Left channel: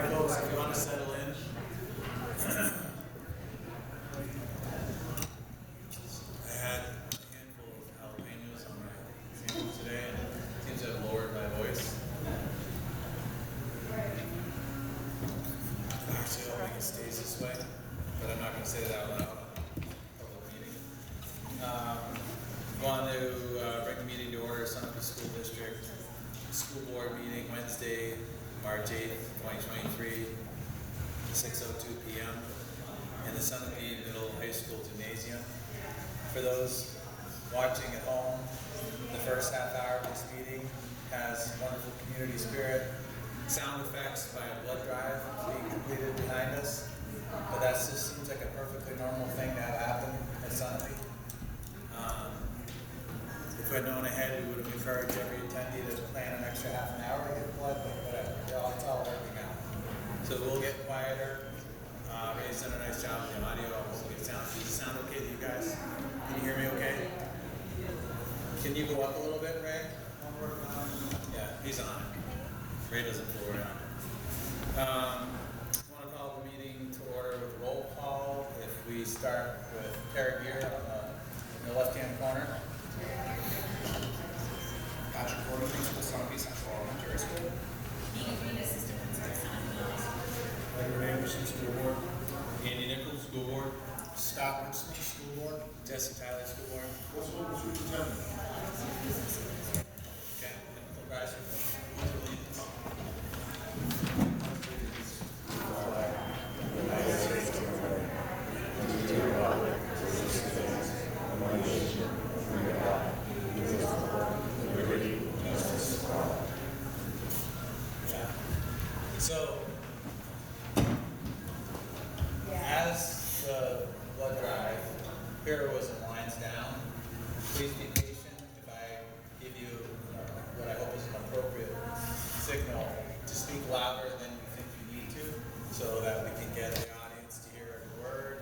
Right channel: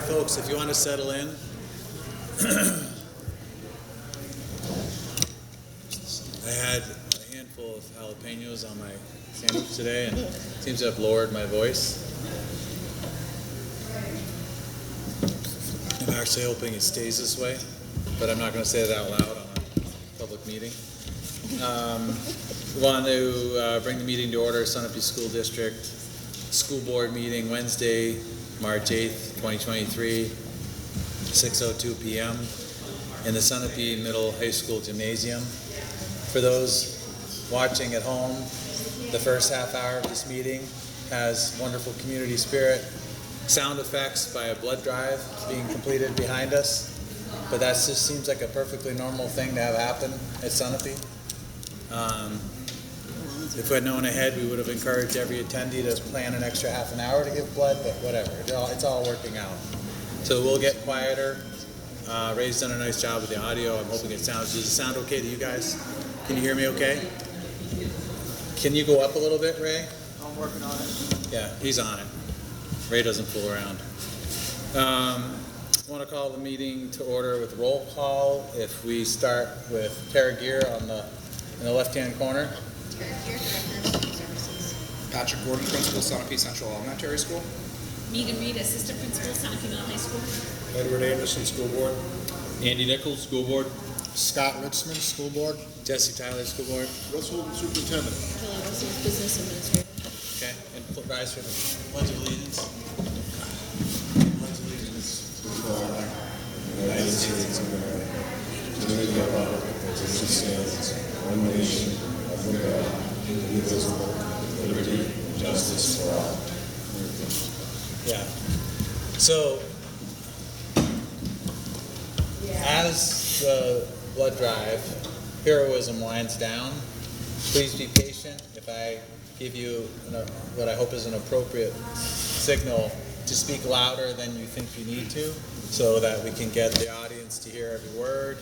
right, folks, if you want to settle in. I had a handful of jalapenos on my sandwich today, and it seems to have lowered my voice. I'm actually hoping it stays this way, but I'm not going to say that out loud on a public meeting. We want to bring the meeting to order, Sunapee School District School Board meeting Wednesday, March 8th, 2023, 6:02 p.m. in the Sunapee Middle High School Gymnasium. For those watching at home, the first half hour of this meeting has wonderful community spirit, sound effects by a blood drive being completed behind us, but that just seems like a perfectly normal thing to have happen at Sunapee. If we had known ahead, we would have encouraged every attendee to plan an extra half an hour to give blood, but whatever, it's all working out. So we'll get quieter. Ray's done a nice job with the audio. I'm hoping it sounds, does it sound okay to you guys? Can you hear me okay? Can you go up a little bit, Ray? I'm working on it. Yeah, he's on it. Ray doesn't fool around. I want to call the meeting to order with roll call. If we start with Tara Gear in the left-hand corner. Patrick Gordon, Principal, Sunapee Central Elementary School. Megan Reed, Assistant Principal, Sunapee Middle High School. Edward Anderson, School Board. Andy Nichols, School Board. Scott Ritzman, School Board. Jesse Tyler, School Board. Russell, Superintendent. Kelly Wilson, Business Administrator. Okay, and rise for the Pledge of Allegiance. United States of America, to the republic which stands one nation under God, indivisible, with liberty and justice for all. Yeah. So, as the blood drive heroism winds down, please be patient. If I give you what I hope is an appropriate signal to speak louder than you think you need to, so that we can get the audience to hear every word.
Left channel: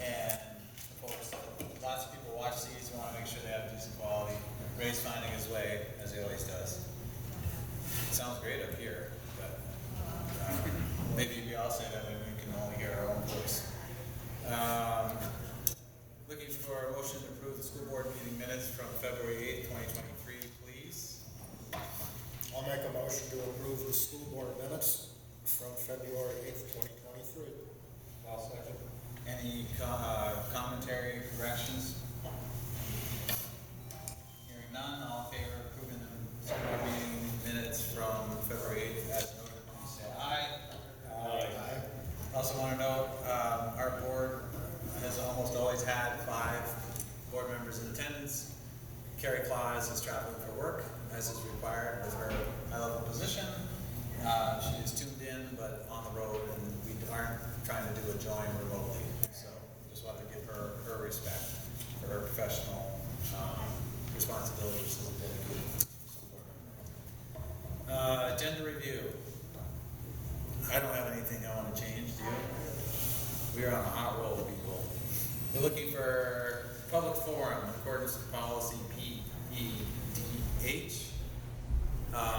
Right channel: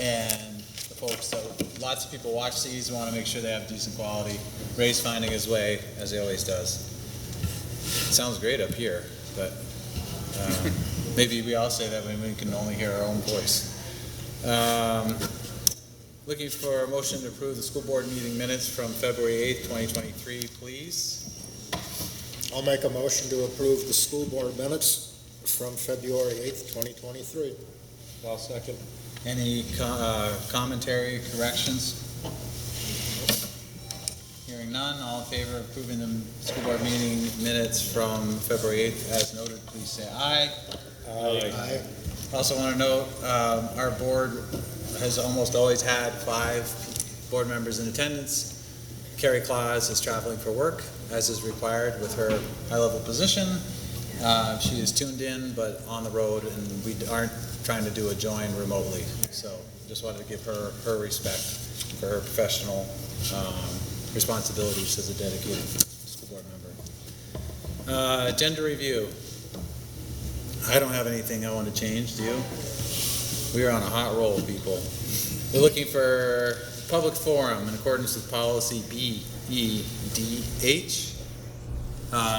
And the folks, so lots of people watch these and want to make sure they have decent quality. Ray's finding his way, as he always does. It sounds great up here, but maybe we all say that when we can only hear our own voice. Looking for a motion to approve the school board meeting minutes from February 8th, 2023, please. I'll make a motion to approve the school board minutes from February 8th, 2023. I'll second. Any commentary, corrections? Hearing none, all in favor of approving the school board meeting minutes from February 8th as noted, please say aye. Aye. Also want to note, our board has almost always had 5 board members in attendance. Carrie Claus is traveling for work, as is required with her high-level position. She is tuned in, but on the road, and we aren't trying to do a join remotely. So just wanted to give her respect for her professional responsibilities as a dedicated school board member. Agenda review. I don't have anything I want to change, do you? We are on a hot roll, people. We're looking for public forum in accordance with policy BEDH.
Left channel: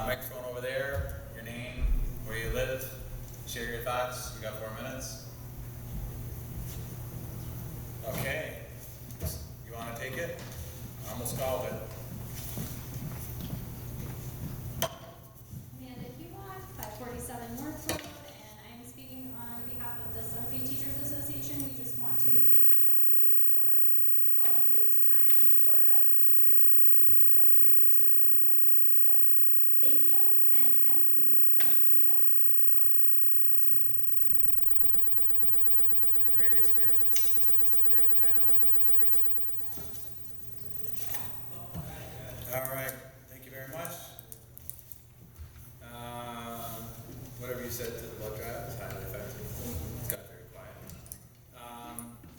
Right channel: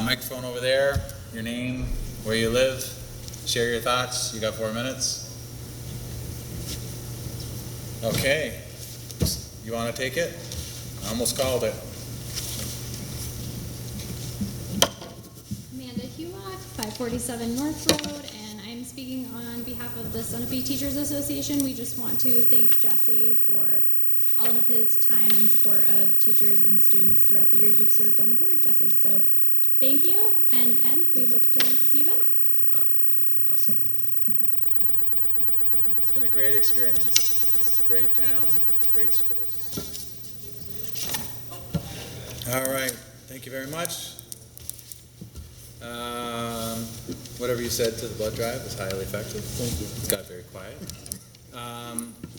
Microphone over there, your name, where you live, share your thoughts. You got 4 minutes. Okay, you want to take it? I almost called it. Amanda Hewlock, 547 North Road, and I'm speaking on behalf of the Sunapee Teachers Association. We just want to thank Jesse for all of his time and support of teachers and students throughout the years you've served on the board, Jesse. So thank you, and Ed, we hope to see you back. Awesome. It's been a great experience. It's a great town, great school. All right, thank you very much. Whatever you said to the blood drive was highly effective. It got very quiet.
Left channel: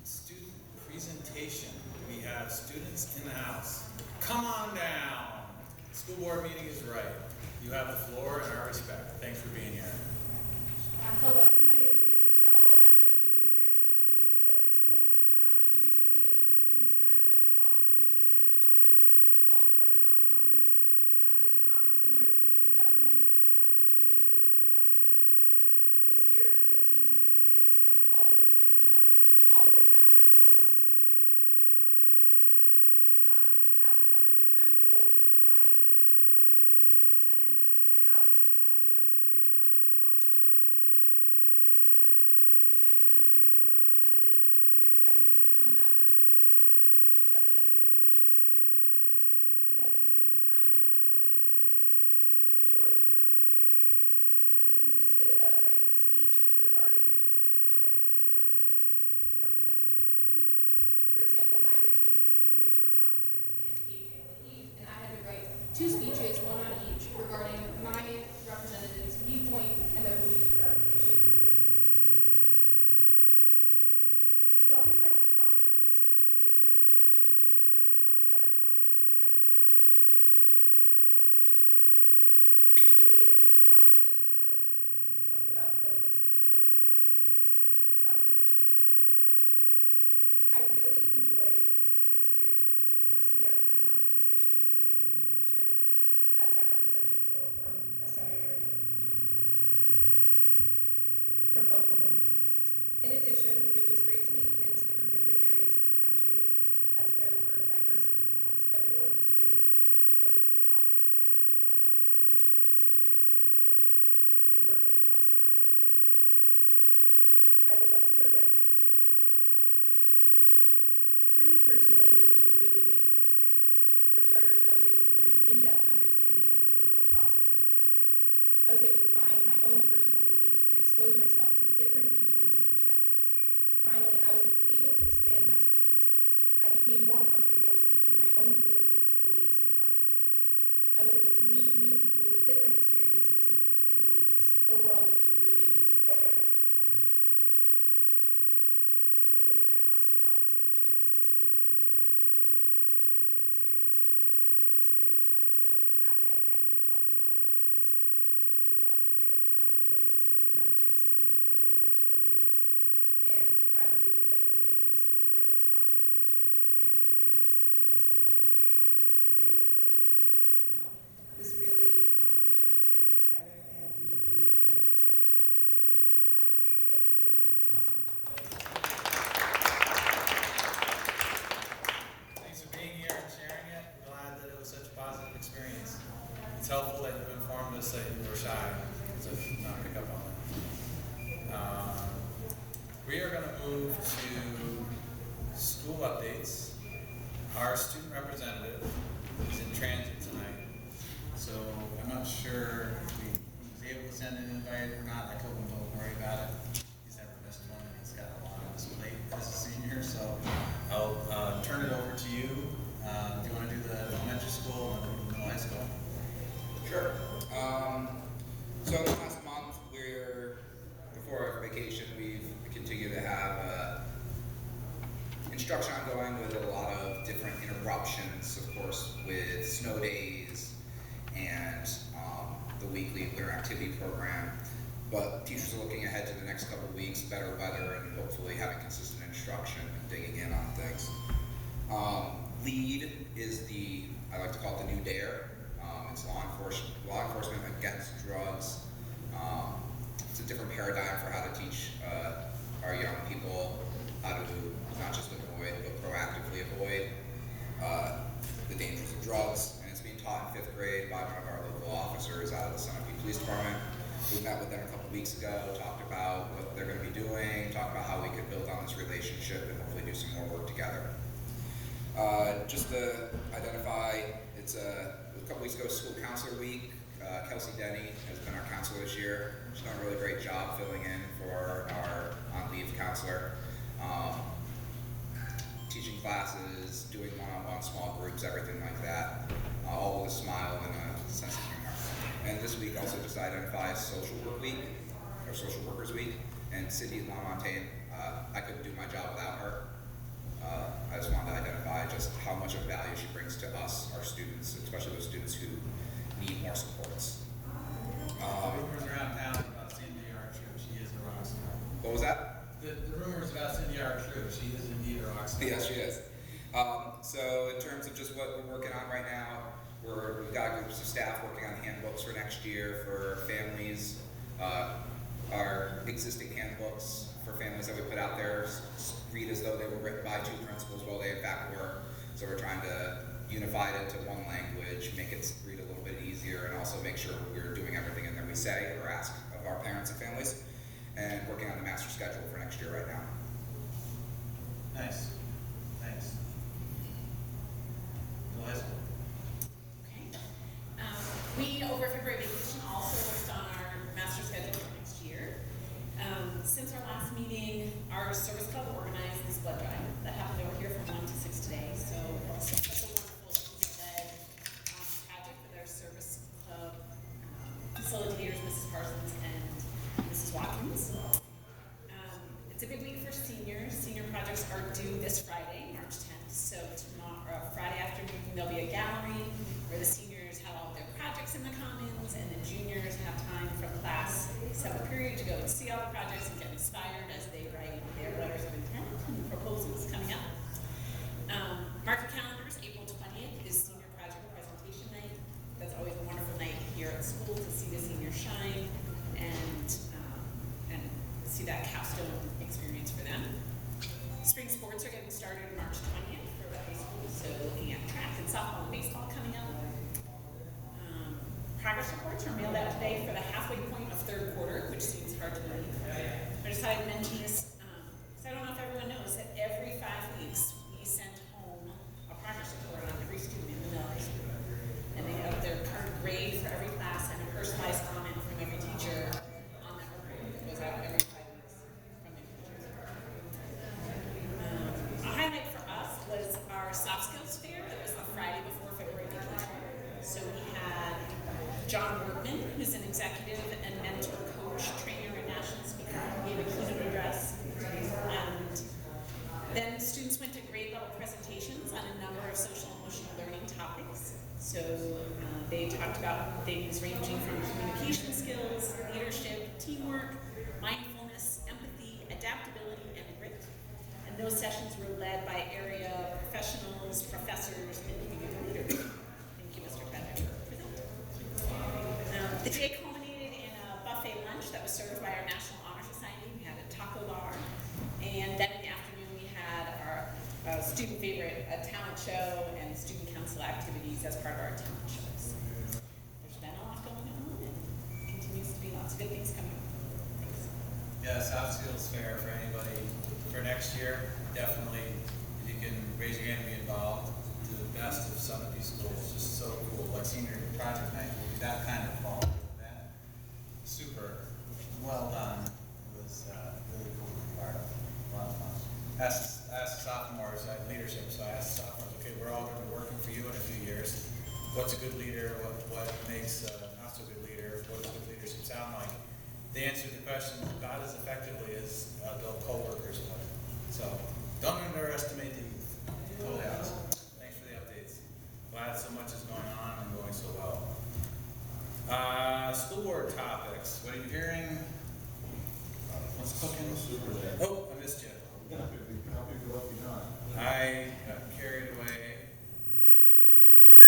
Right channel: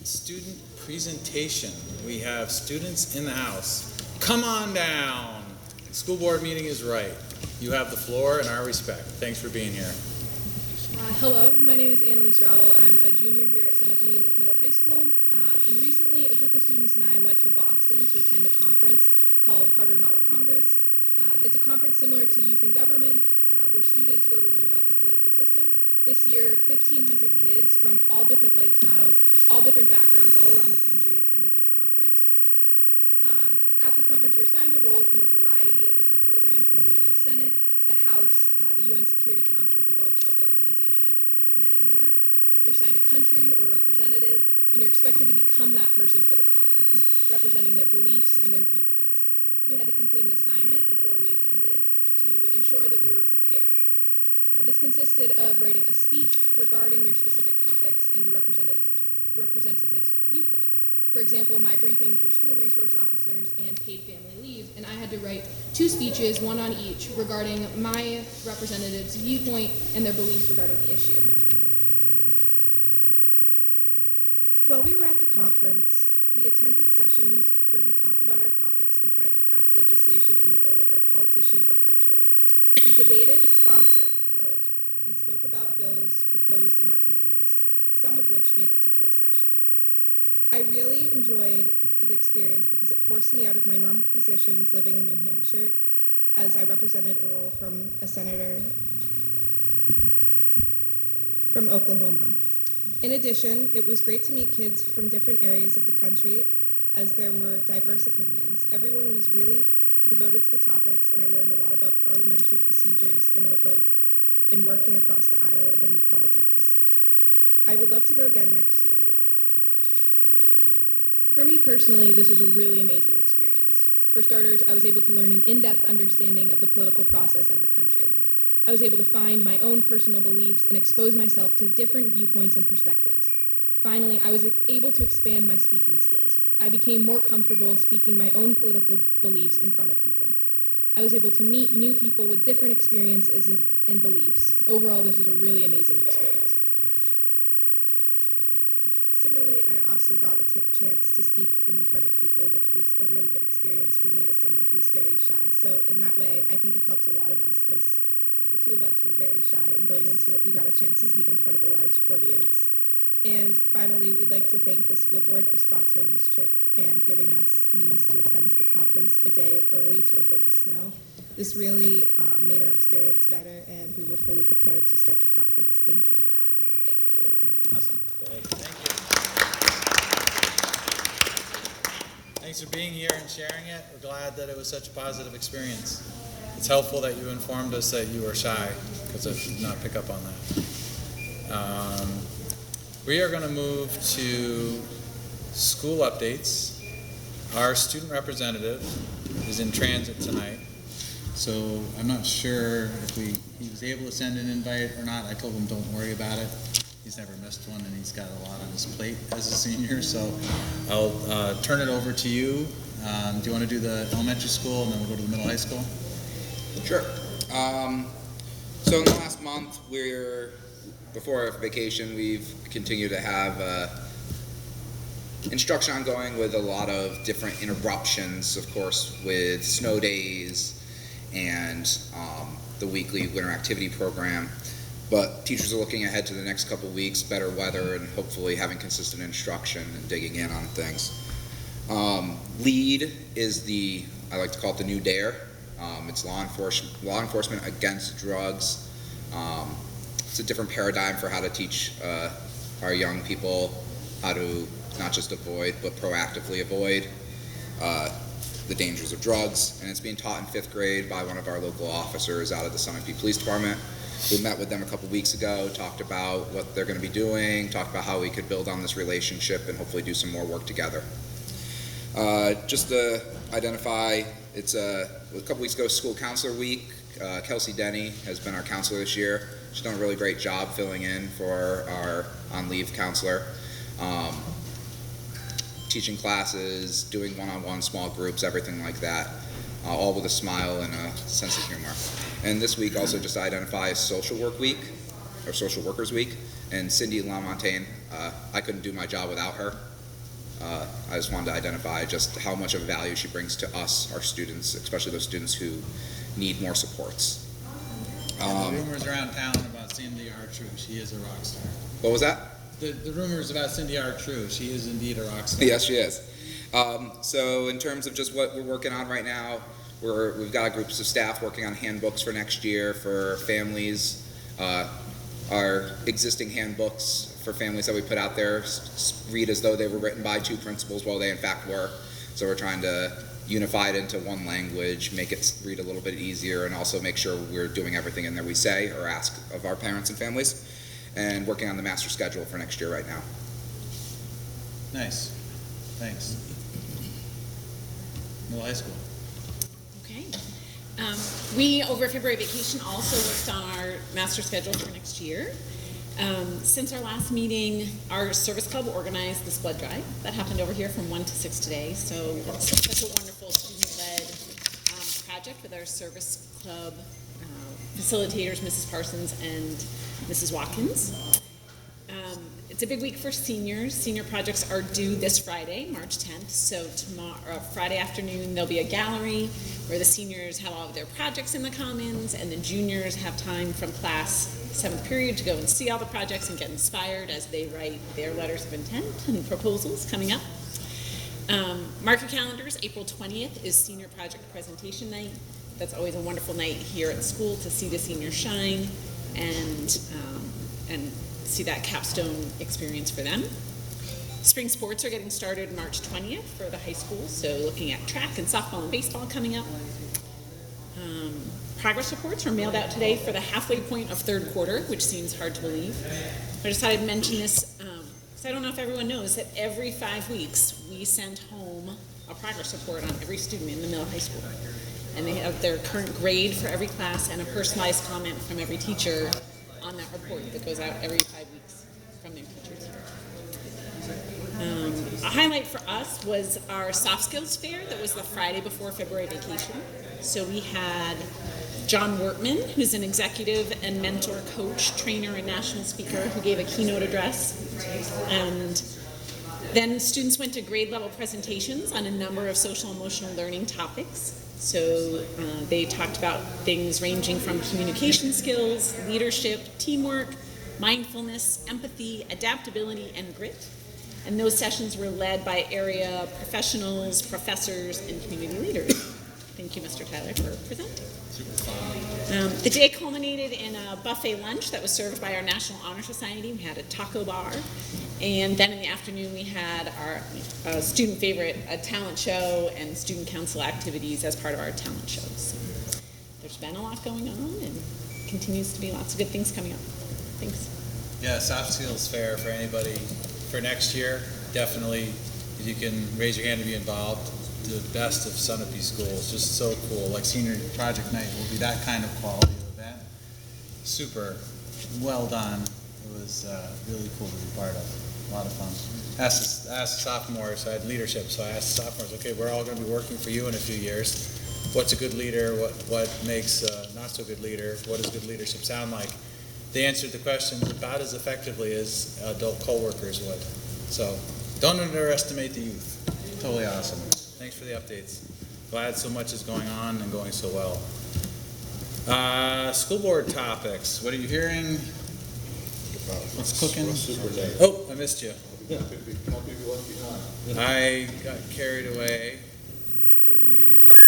Student presentation. We have students in the house. Come on down. School board meeting is right. You have the floor and our respect. Thanks for being here. Hello, my name is Annalise Rowell. I'm a junior here at Sunapee Middle High School. And recently, a group of students and I went to Boston to attend a conference called Harvard Model Congress. It's a conference similar to Youth in Government, where students go to learn about the political system. This year, 1,500 kids from all different lifestyles, all different backgrounds, all around the country attended this conference. At this conference, you're assigned a role from a variety of different programs, including the Senate, the House, the UN Security Council, the World Health Organization, and many more. You're assigned a country or representative, and you're expected to become that person for the conference, representing their beliefs and their viewpoints. We had to complete an assignment before we attended to ensure that we were prepared. This consisted of writing a speech regarding your specific topics and your representative's viewpoint. For example, my briefings were school resource officers and paid family leave, and I had to write 2 speeches, one on each, regarding my representative's viewpoint and their beliefs regarding the issue. While we were at the conference, we attended sessions where we talked about our topics and tried to pass legislation in the role of our politician or country. We debated, sponsored, wrote, and spoke about bills proposed in our committees, some of which made it to full session. I really enjoyed the experience because it forced me out of my normal positions living in New Hampshire, as I represented a role from a senator from Oklahoma. In addition, it was great to meet kids from different areas of the country, as there were diverse opinions. Everyone was really devoted to the topics, and I learned a lot about parliamentary procedures and would love in working across the aisle in politics. I would love to go again next year. For me personally, this was a really amazing experience. For starters, I was able to learn an in-depth understanding of the political process in our country. I was able to find my own personal beliefs and expose myself to different viewpoints and perspectives. Finally, I was able to expand my speaking skills. I became more comfortable speaking my own political beliefs in front of people. I was able to meet new people with different experiences and beliefs. Overall, this was a really amazing experience. Similarly, I also got a chance to speak in front of people, which was a really good experience for me as someone who's very shy. So in that way, I think it helped a lot of us, as the 2 of us were very shy, and going into it, we got a chance to speak in front of a large audience. And finally, we'd like to thank the school board for sponsoring this trip and giving us means to attend the conference a day early to avoid the snow. This really made our experience better, and we were fully prepared to start the conference. Thank you. Awesome. Good. Thanks for being here and sharing it. We're glad that it was such a positive experience. It's helpful that you informed us that you were shy, because I did not pick up on that. We are going to move to school updates. Our student representative is in transit tonight, so I'm not sure if he was able to send an invite or not. I told him don't worry about it. He's never missed one, and he's got a lot on his plate as a senior, so I'll turn it over to you. Do you want to do the elementary school, and then we'll go to the middle high school? Sure. So in the last month, before our vacation, we've continued to have instruction ongoing with a lot of different interruptions, of course, with snow days and the weekly winter activity program. But teachers are looking ahead to the next couple of weeks, better weather, and hopefully having consistent instruction and digging in on things. LEAD is I like to call it the new DARE. It's law enforcement against drugs. It's a different paradigm for how to teach our young people how to not just avoid, but proactively avoid the dangers of drugs. And it's being taught in 5th grade by one of our local officers out of the Sunapee Police Department. We met with them a couple weeks ago, talked about what they're going to be doing, talked about how we could build on this relationship and hopefully do some more work together. Just to identify, it's a couple weeks ago, School Counselor Week. Kelsey Denny has been our counselor this year. She's done a really great job filling in for our on-leave counselor. Teaching classes, doing one-on-one small groups, everything like that, all with a smile and a sense of humor. And this week also just identify Social Work Week, or Social Workers Week. And Cindy LaMontagne, I couldn't do my job without her. I just wanted to identify just how much of value she brings to us, our students, especially those students who need more supports. Rumors around town about Cindy are true. She is a rock star. What was that? The rumors about Cindy are true. She is indeed a rock star. Yes, she is. So in terms of just what we're working on right now, We've got groups of staff working on handbooks for next year for families. Our existing handbooks for families that we put out there read as though they were written by 2 principals while they in fact were. So we're trying to unify it into one language, make it read a little bit easier, and also make sure we're doing everything in there we say or ask of our parents and families, and working on the master schedule for next year right now. Nice, thanks. Middle high school. Okay. We, over February vacation, also worked on our master schedule for next year. Since our last meeting, our service club organized this blood drive that happened over here from 1 to 6 today. So such a wonderful student-led project with our service club facilitators, Mrs. Parsons and Mrs. Watkins. It's a big week for seniors. Senior projects are due this Friday, March 10th. So tomorrow, Friday afternoon, there'll be a gallery where the seniors have all of their projects in the commons, and the juniors have time from class 7th period to go and see all the projects and get inspired as they write their letters of intent and proposals coming up. Mark your calendars. April 20th is senior project presentation night. That's always a wonderful night here at school to see the seniors shine and see that capstone experience for them. Spring sports are getting started March 20th for the high school, so looking at track and softball and baseball coming up. Progress reports were mailed out today for the halfway point of 3rd quarter, which seems hard to believe. I just thought I'd mention this, because I don't know if everyone knows that every 5 weeks we send home a progress report on every student in the middle high school. And they have their current grade for every class and a personalized comment from every teacher on that report that goes out every 5 weeks from their teachers. A highlight for us was our soft skills fair that was the Friday before February vacation. So we had John Wortman, who's an executive and mentor coach, trainer, and national speaker, who gave a keynote address. And then students went to grade level presentations on a number of social emotional learning topics. So they talked about things ranging from communication skills, leadership, teamwork, mindfulness, empathy, adaptability, and grit. And those sessions were led by area professionals, professors, and community leaders. Thank you, Mr. Tyler, for presenting. The day culminated in a buffet lunch that was served by our National Honor Society. We had a taco bar. And then in the afternoon, we had our student favorite, a talent show and student council activities as part of our talent show. So there's been a lot going on and continues to be lots of good things coming up. Thanks. Yeah, soft skills fair for anybody for next year. Definitely, if you can raise your hand to be involved. The best of Sunapee schools, just so cool. Like senior project night will be that kind of quality event. Super well done. It was really cool to be part of. A lot of fun. Asked the sophomores, I had leadership, so I asked the sophomores, okay, we're all going to be working for you in a few years. What's a good leader? What makes not so good leader? What does good leadership sound like? They answered the questions about as effectively as adult co-workers would. So don't underestimate the youth. Totally awesome. Thanks for the updates. Glad so much is going on and going so well. School board topics. What are you hearing? What's cooking? Oh, I missed you. I got carried away. I'm going to give you proper.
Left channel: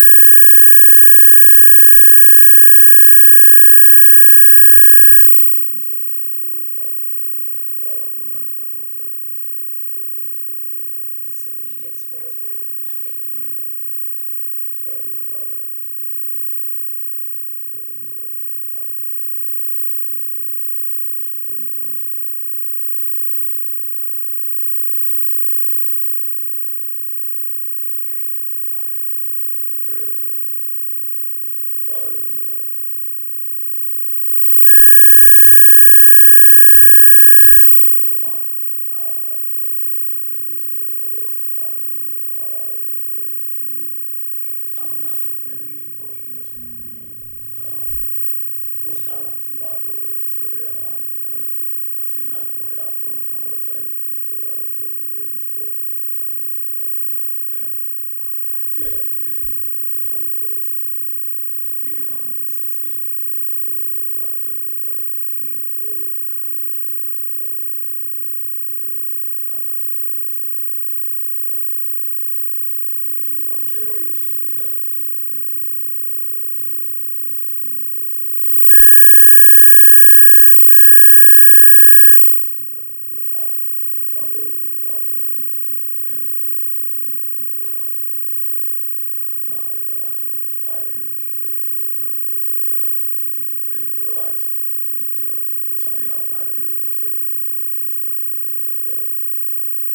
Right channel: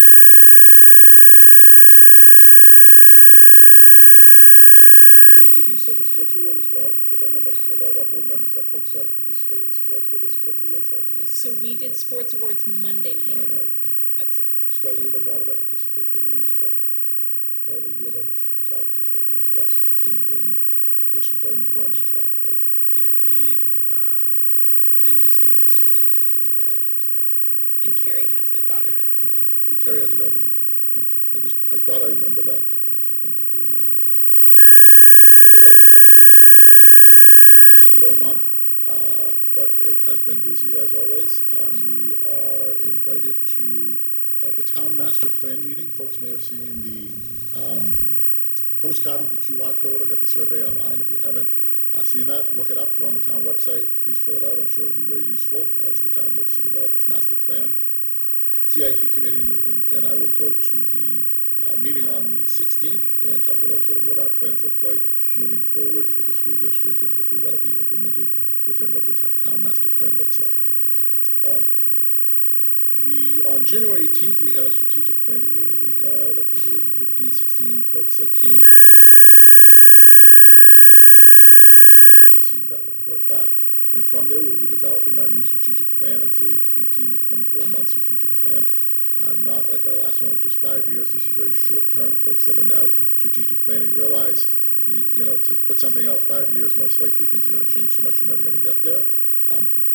Did you say the sports award as well? Because I know a lot of our board members have folks that participate in sports. Were there sports awards last night? So we did sports awards Monday night. Monday night. At 6 o'clock. Scott, you have a daughter that participates in women's sport? Ed, do you have a child participate in women's? Yes. And Bishop Ben runs track, right? He didn't do skiing this year, but he did the prior years. Yeah. And Carrie has a daughter that goes. Carrie has a daughter, so thank you. I thought I remember that happening, so thank you for reminding me of that. A couple of things going on. It's been a slow month, but it has been busy as always. We are invited to the Town Master Plan meeting. Folks may have seen the postcard with the QR code. I got the survey online. If you haven't seen that, look it up. Go on the town website. Please fill it out. I'm sure it'll be very useful as the town looks to develop its master plan. CIP committee and I will go to the meeting on the 16th and talk about sort of what our plans look like moving forward for the school district, and hopefully that'll be implemented within what the town master plan looks like. On January 18th, we had a strategic planning meeting. We had, I think it was 15, 16 folks that came together. We have received that report back. And from there, we'll be developing our new strategic plan. It's a 18 to 24-month strategic plan. Not like our last one, which was 5 years. This is very short term. Folks that are now strategic planning realize, you know, to put something out 5 years, most likely things are going to change so much you're never going to get there.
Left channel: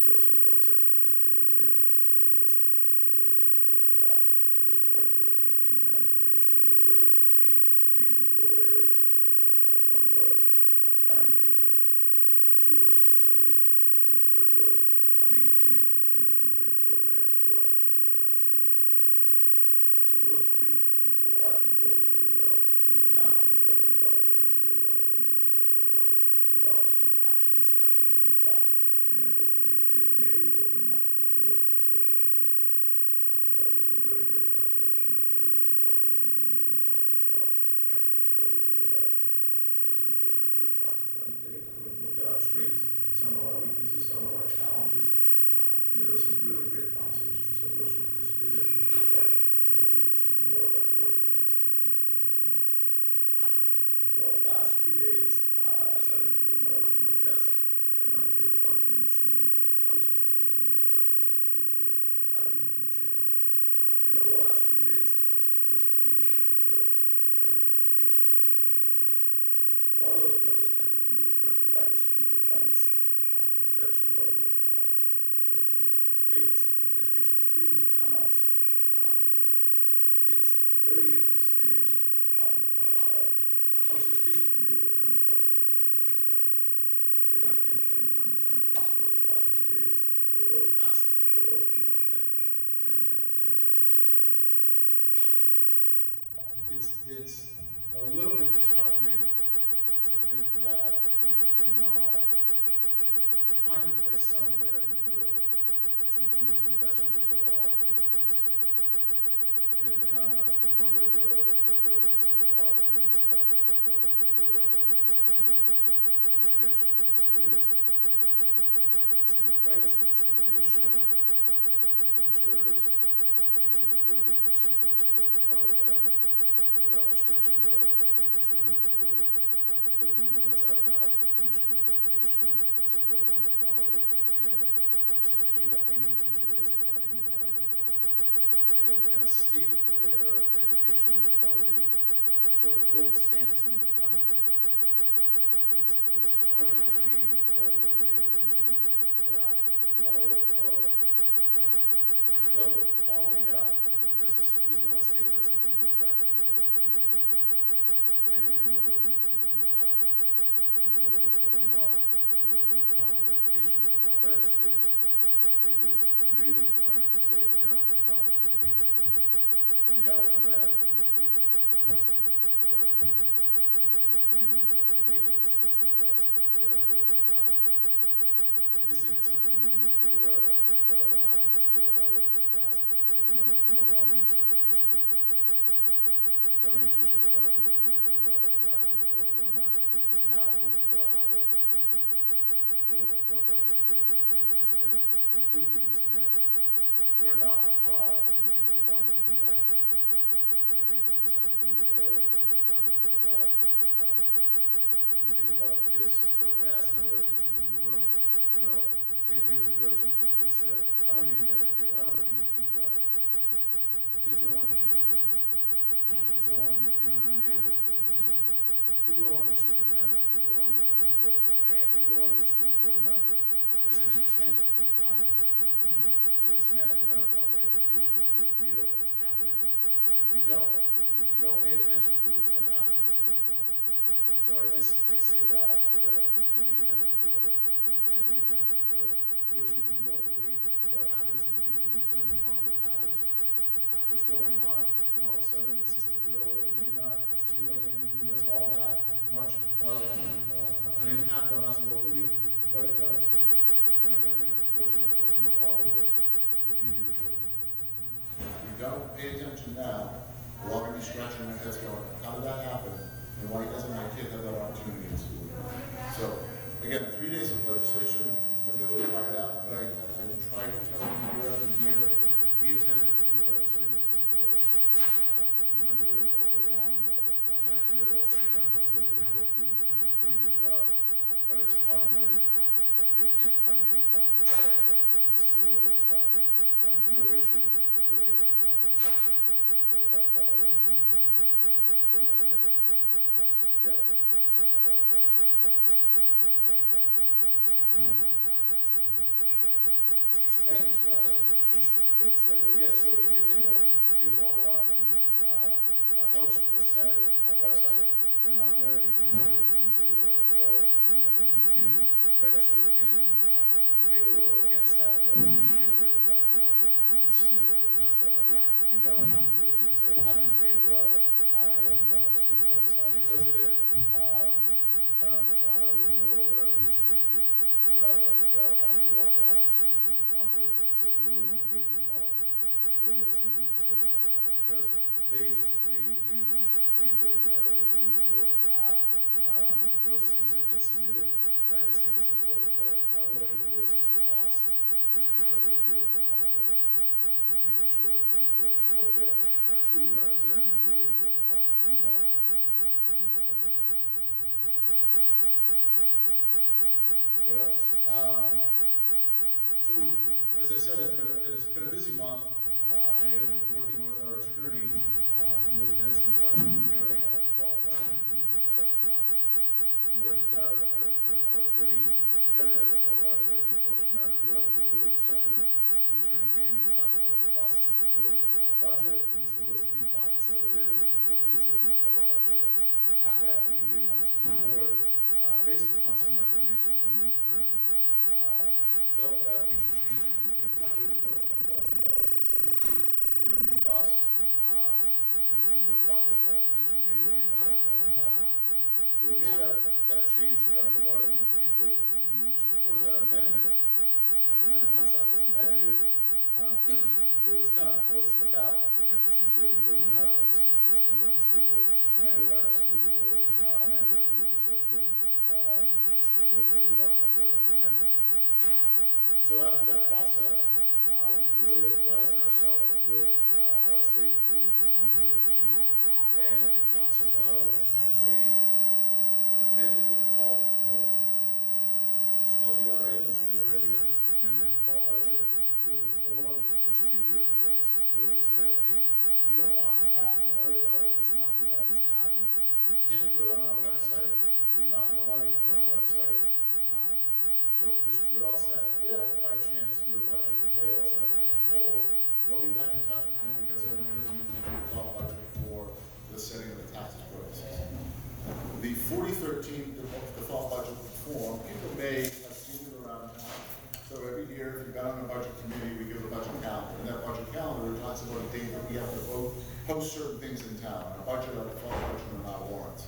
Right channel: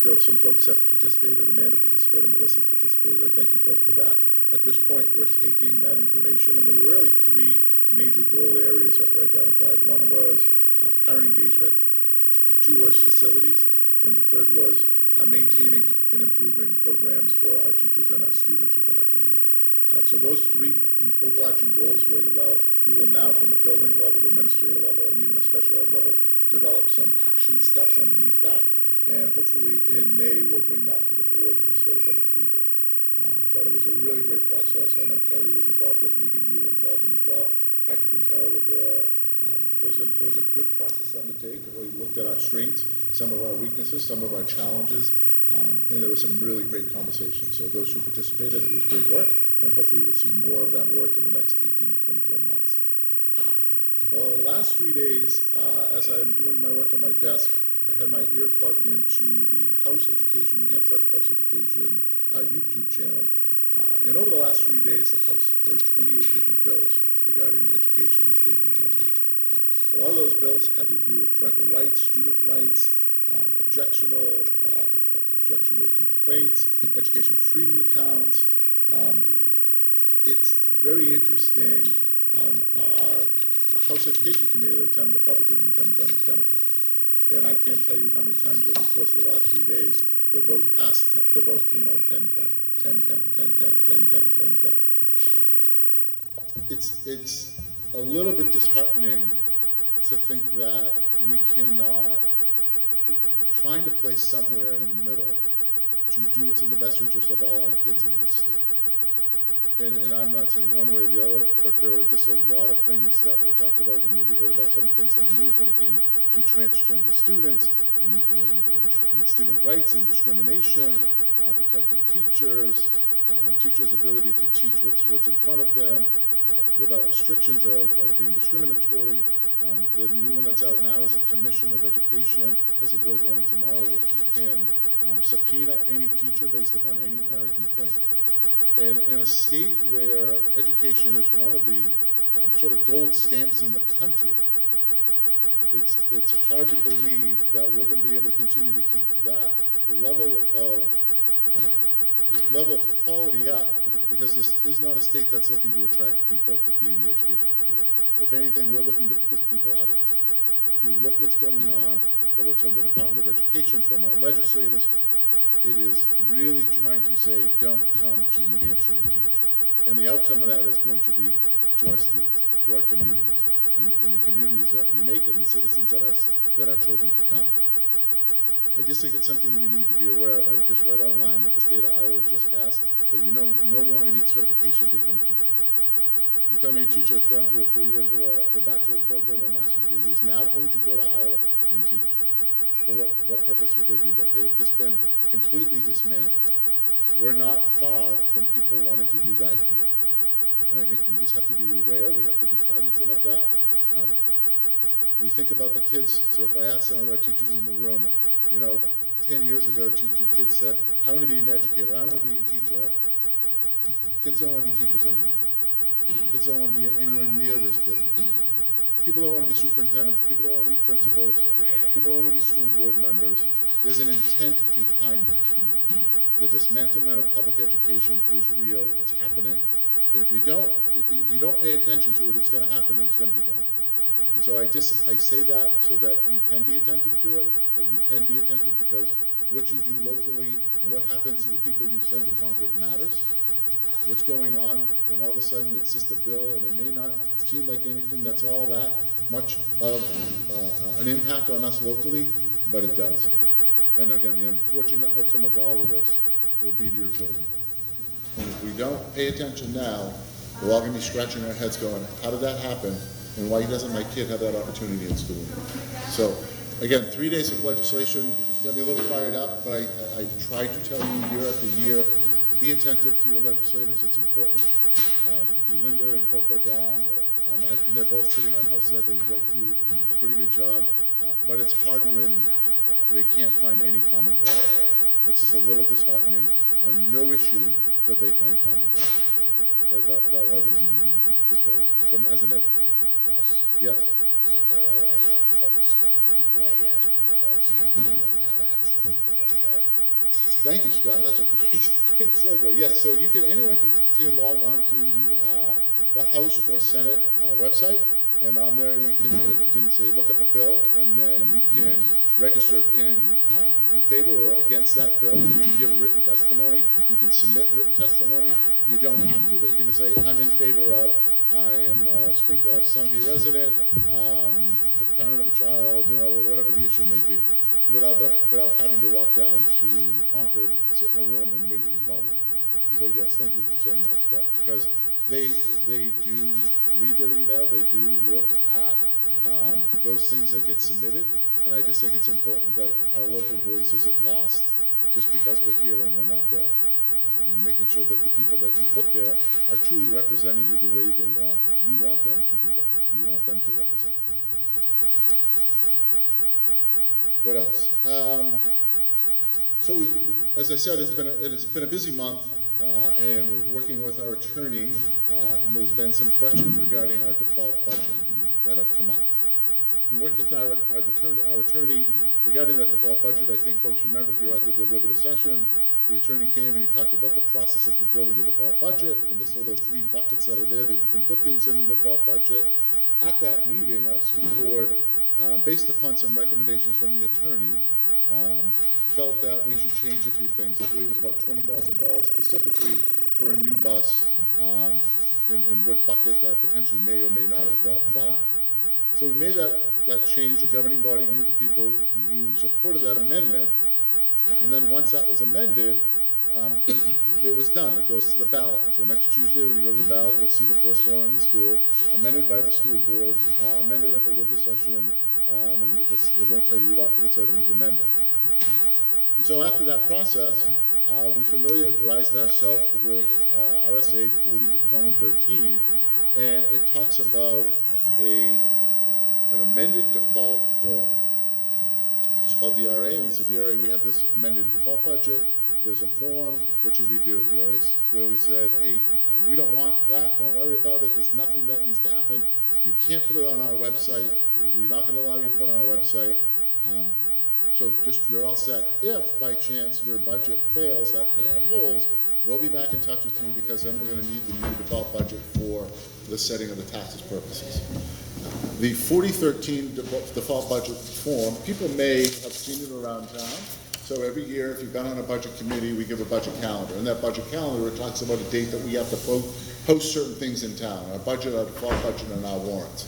There were some folks that participated. Amanda participated, Melissa participated. I thank you both for that. At this point, we're taking that information, and there were really 3 major goal areas that were identified. One was parent engagement, 2 was facilities, and the 3rd was maintaining and improving programs for our teachers and our students within our community. So those 3 overarching goals, we will now, from a building level, administrative level, and even a special ed level, develop some action steps underneath that. And hopefully in May, we'll bring that to the board for sort of an approval. But it was a really great process. I know Kerry was involved in it, Megan, you were involved in it as well. Patrick and Tara were there. It was a good process to undertake. It really looked at our strengths, some of our weaknesses, some of our challenges, and there was some really great conversations. So those who participated, it was great work, and hopefully we'll see more of that work in the next 18 to 24 months. Well, the last 3 days, as I'm doing my work on my desk, I had my ear plugged into the House Education, New Hampshire House Education YouTube channel. And over the last 3 days, the House heard 28 different bills regarding education in the state of New Hampshire. A lot of those bills had to do with parental rights, student rights, objectionable complaints, education freedom accounts. It's very interesting on our House Education Committee, there were 10 Republicans and 10 Democrats. And I can't tell you how many times over the course of the last 3 days, the vote came out 10-10, 10-10, 10-10, 10-10, 10-10. It's a little bit disheartening to think that we cannot find a place somewhere in the middle to do what's in the best interest of all our kids in this state. And I'm not saying one way or the other, but there were just a lot of things that were talked about. You maybe heard about some of the things on the news when it came to transgender students and student rights and discrimination, protecting teachers, teachers' ability to teach what's in front of them without restrictions of being discriminatory. The new one that's out now is the Commission of Education has a bill going tomorrow where he can subpoena any teacher based upon any parent complaint. And in a state where education is one of the sort of gold stamps in the country, it's hard to believe that we're going to be able to continue to keep that level of quality up, because this is not a state that's looking to attract people to be in the educational field. If anything, we're looking to push people out of this field. If you look what's going on, whether it's from the Department of Education, from our legislators, it is really trying to say, don't come to New Hampshire and teach. And the outcome of that is going to be to our students, to our communities, and the communities that we make and the citizens that our children become. I just think it's something we need to be aware of. I just read online that the state of Iowa just passed that you no longer need certification to become a teacher. You tell me a teacher that's gone through 4 years of a bachelor's program or a master's degree who's now going to go to Iowa and teach. For what purpose would they do that? They have just been completely dismantled. We're not far from people wanting to do that here. And I think we just have to be aware, we have to be cognizant of that. We think about the kids, so if I ask some of our teachers in the room, 10 years ago, kids said, I want to be an educator, I want to be a teacher. Kids don't want to be teachers anymore. Kids don't want to be anywhere near this business. People don't want to be superintendents, people don't want to be principals, people don't want to be school board members. There's an intent behind that. The dismantlement of public education is real, it's happening. And if you don't pay attention to it, it's going to happen and it's going to be gone. And so I say that so that you can be attentive to it, that you can be attentive, because what you do locally and what happens to the people you send to Concord matters. What's going on, and all of a sudden it's just a bill, and it may not seem like anything that's all that much of an impact on us locally, but it does. And again, the unfortunate outcome of all of this will be to your children. And if we don't pay attention now, we're all going to be scratching our heads going, how did that happen, and why doesn't my kid have that opportunity in school? So, again, 3 days of legislation got me a little fired up, but I've tried to tell you year after year, be attentive to your legislators, it's important. Linda and Hope are down, and they're both sitting on House Ed, they both do a pretty good job, but it's hard when they can't find any common ground. It's just a little disheartening. On no issue could they find common ground. That worries me, just worries me, as an educator. Ross, Yes? isn't there a way that folks can weigh in on what's happening without actually going there? Thank you, Scott. That's a great segue. Yes, so anyone can log on to the House or Senate website, and on there you can say look up a bill, and then you can register in favor or against that bill. You can give written testimony. You can submit written testimony. You don't have to, but you can just say I'm in favor of. I am a Sunday resident, parent of a child, whatever the issue may be, without having to walk down to Concord, sit in a room, and wait to be called. So yes, thank you for saying that, Scott, because they do read their email, they do look at those things that get submitted, and I just think it's important that our local voice isn't lost just because we're here and we're not there. And making sure that the people that you put there are truly representing you the way you want them to represent. What else? So, as I said, it's been a busy month, and we're working with our attorney, and there's been some questions regarding our default budget that have come up. And working with our attorney regarding that default budget, I think folks remember, if you're at the deliberative session, the attorney came and he talked about the process of building a default budget and the sort of 3 buckets that are there that you can put things in the default budget. At that meeting, our school board, based upon some recommendations from the attorney, felt that we should change a few things. I believe it was about $20,000 specifically for a new bus, in what bucket that potentially may or may not have fallen. So we made that change. The governing body, you the people, you supported that amendment, and then once that was amended, it was done. It goes to the ballot. So next Tuesday, when you go to the ballot, you'll see the first one in the school, amended by the school board, amended at the deliberative session, and it won't tell you what, but it said it was amended. And so after that process, we familiarized ourselves with RSA 40:13, and it talks about an amended default form. It's called DRA, and we said, DRA, we have this amended default budget, there's a form, what should we do? DRA clearly said, hey, we don't want that, don't worry about it, there's nothing that needs to happen. You can't put it on our website, we're not gonna allow you to put it on our website. So just, you're all set. If, by chance, your budget fails at the polls, we'll be back in touch with you, because then we're gonna need the new default budget for the setting of the taxes purposes. The 4013 default budget form, people may have seen it around town. So every year, if you've been on a budget committee, we give a budget calendar. And that budget calendar, it talks about a date that we have to post certain things in town, our budget, our default budget, and our warrants.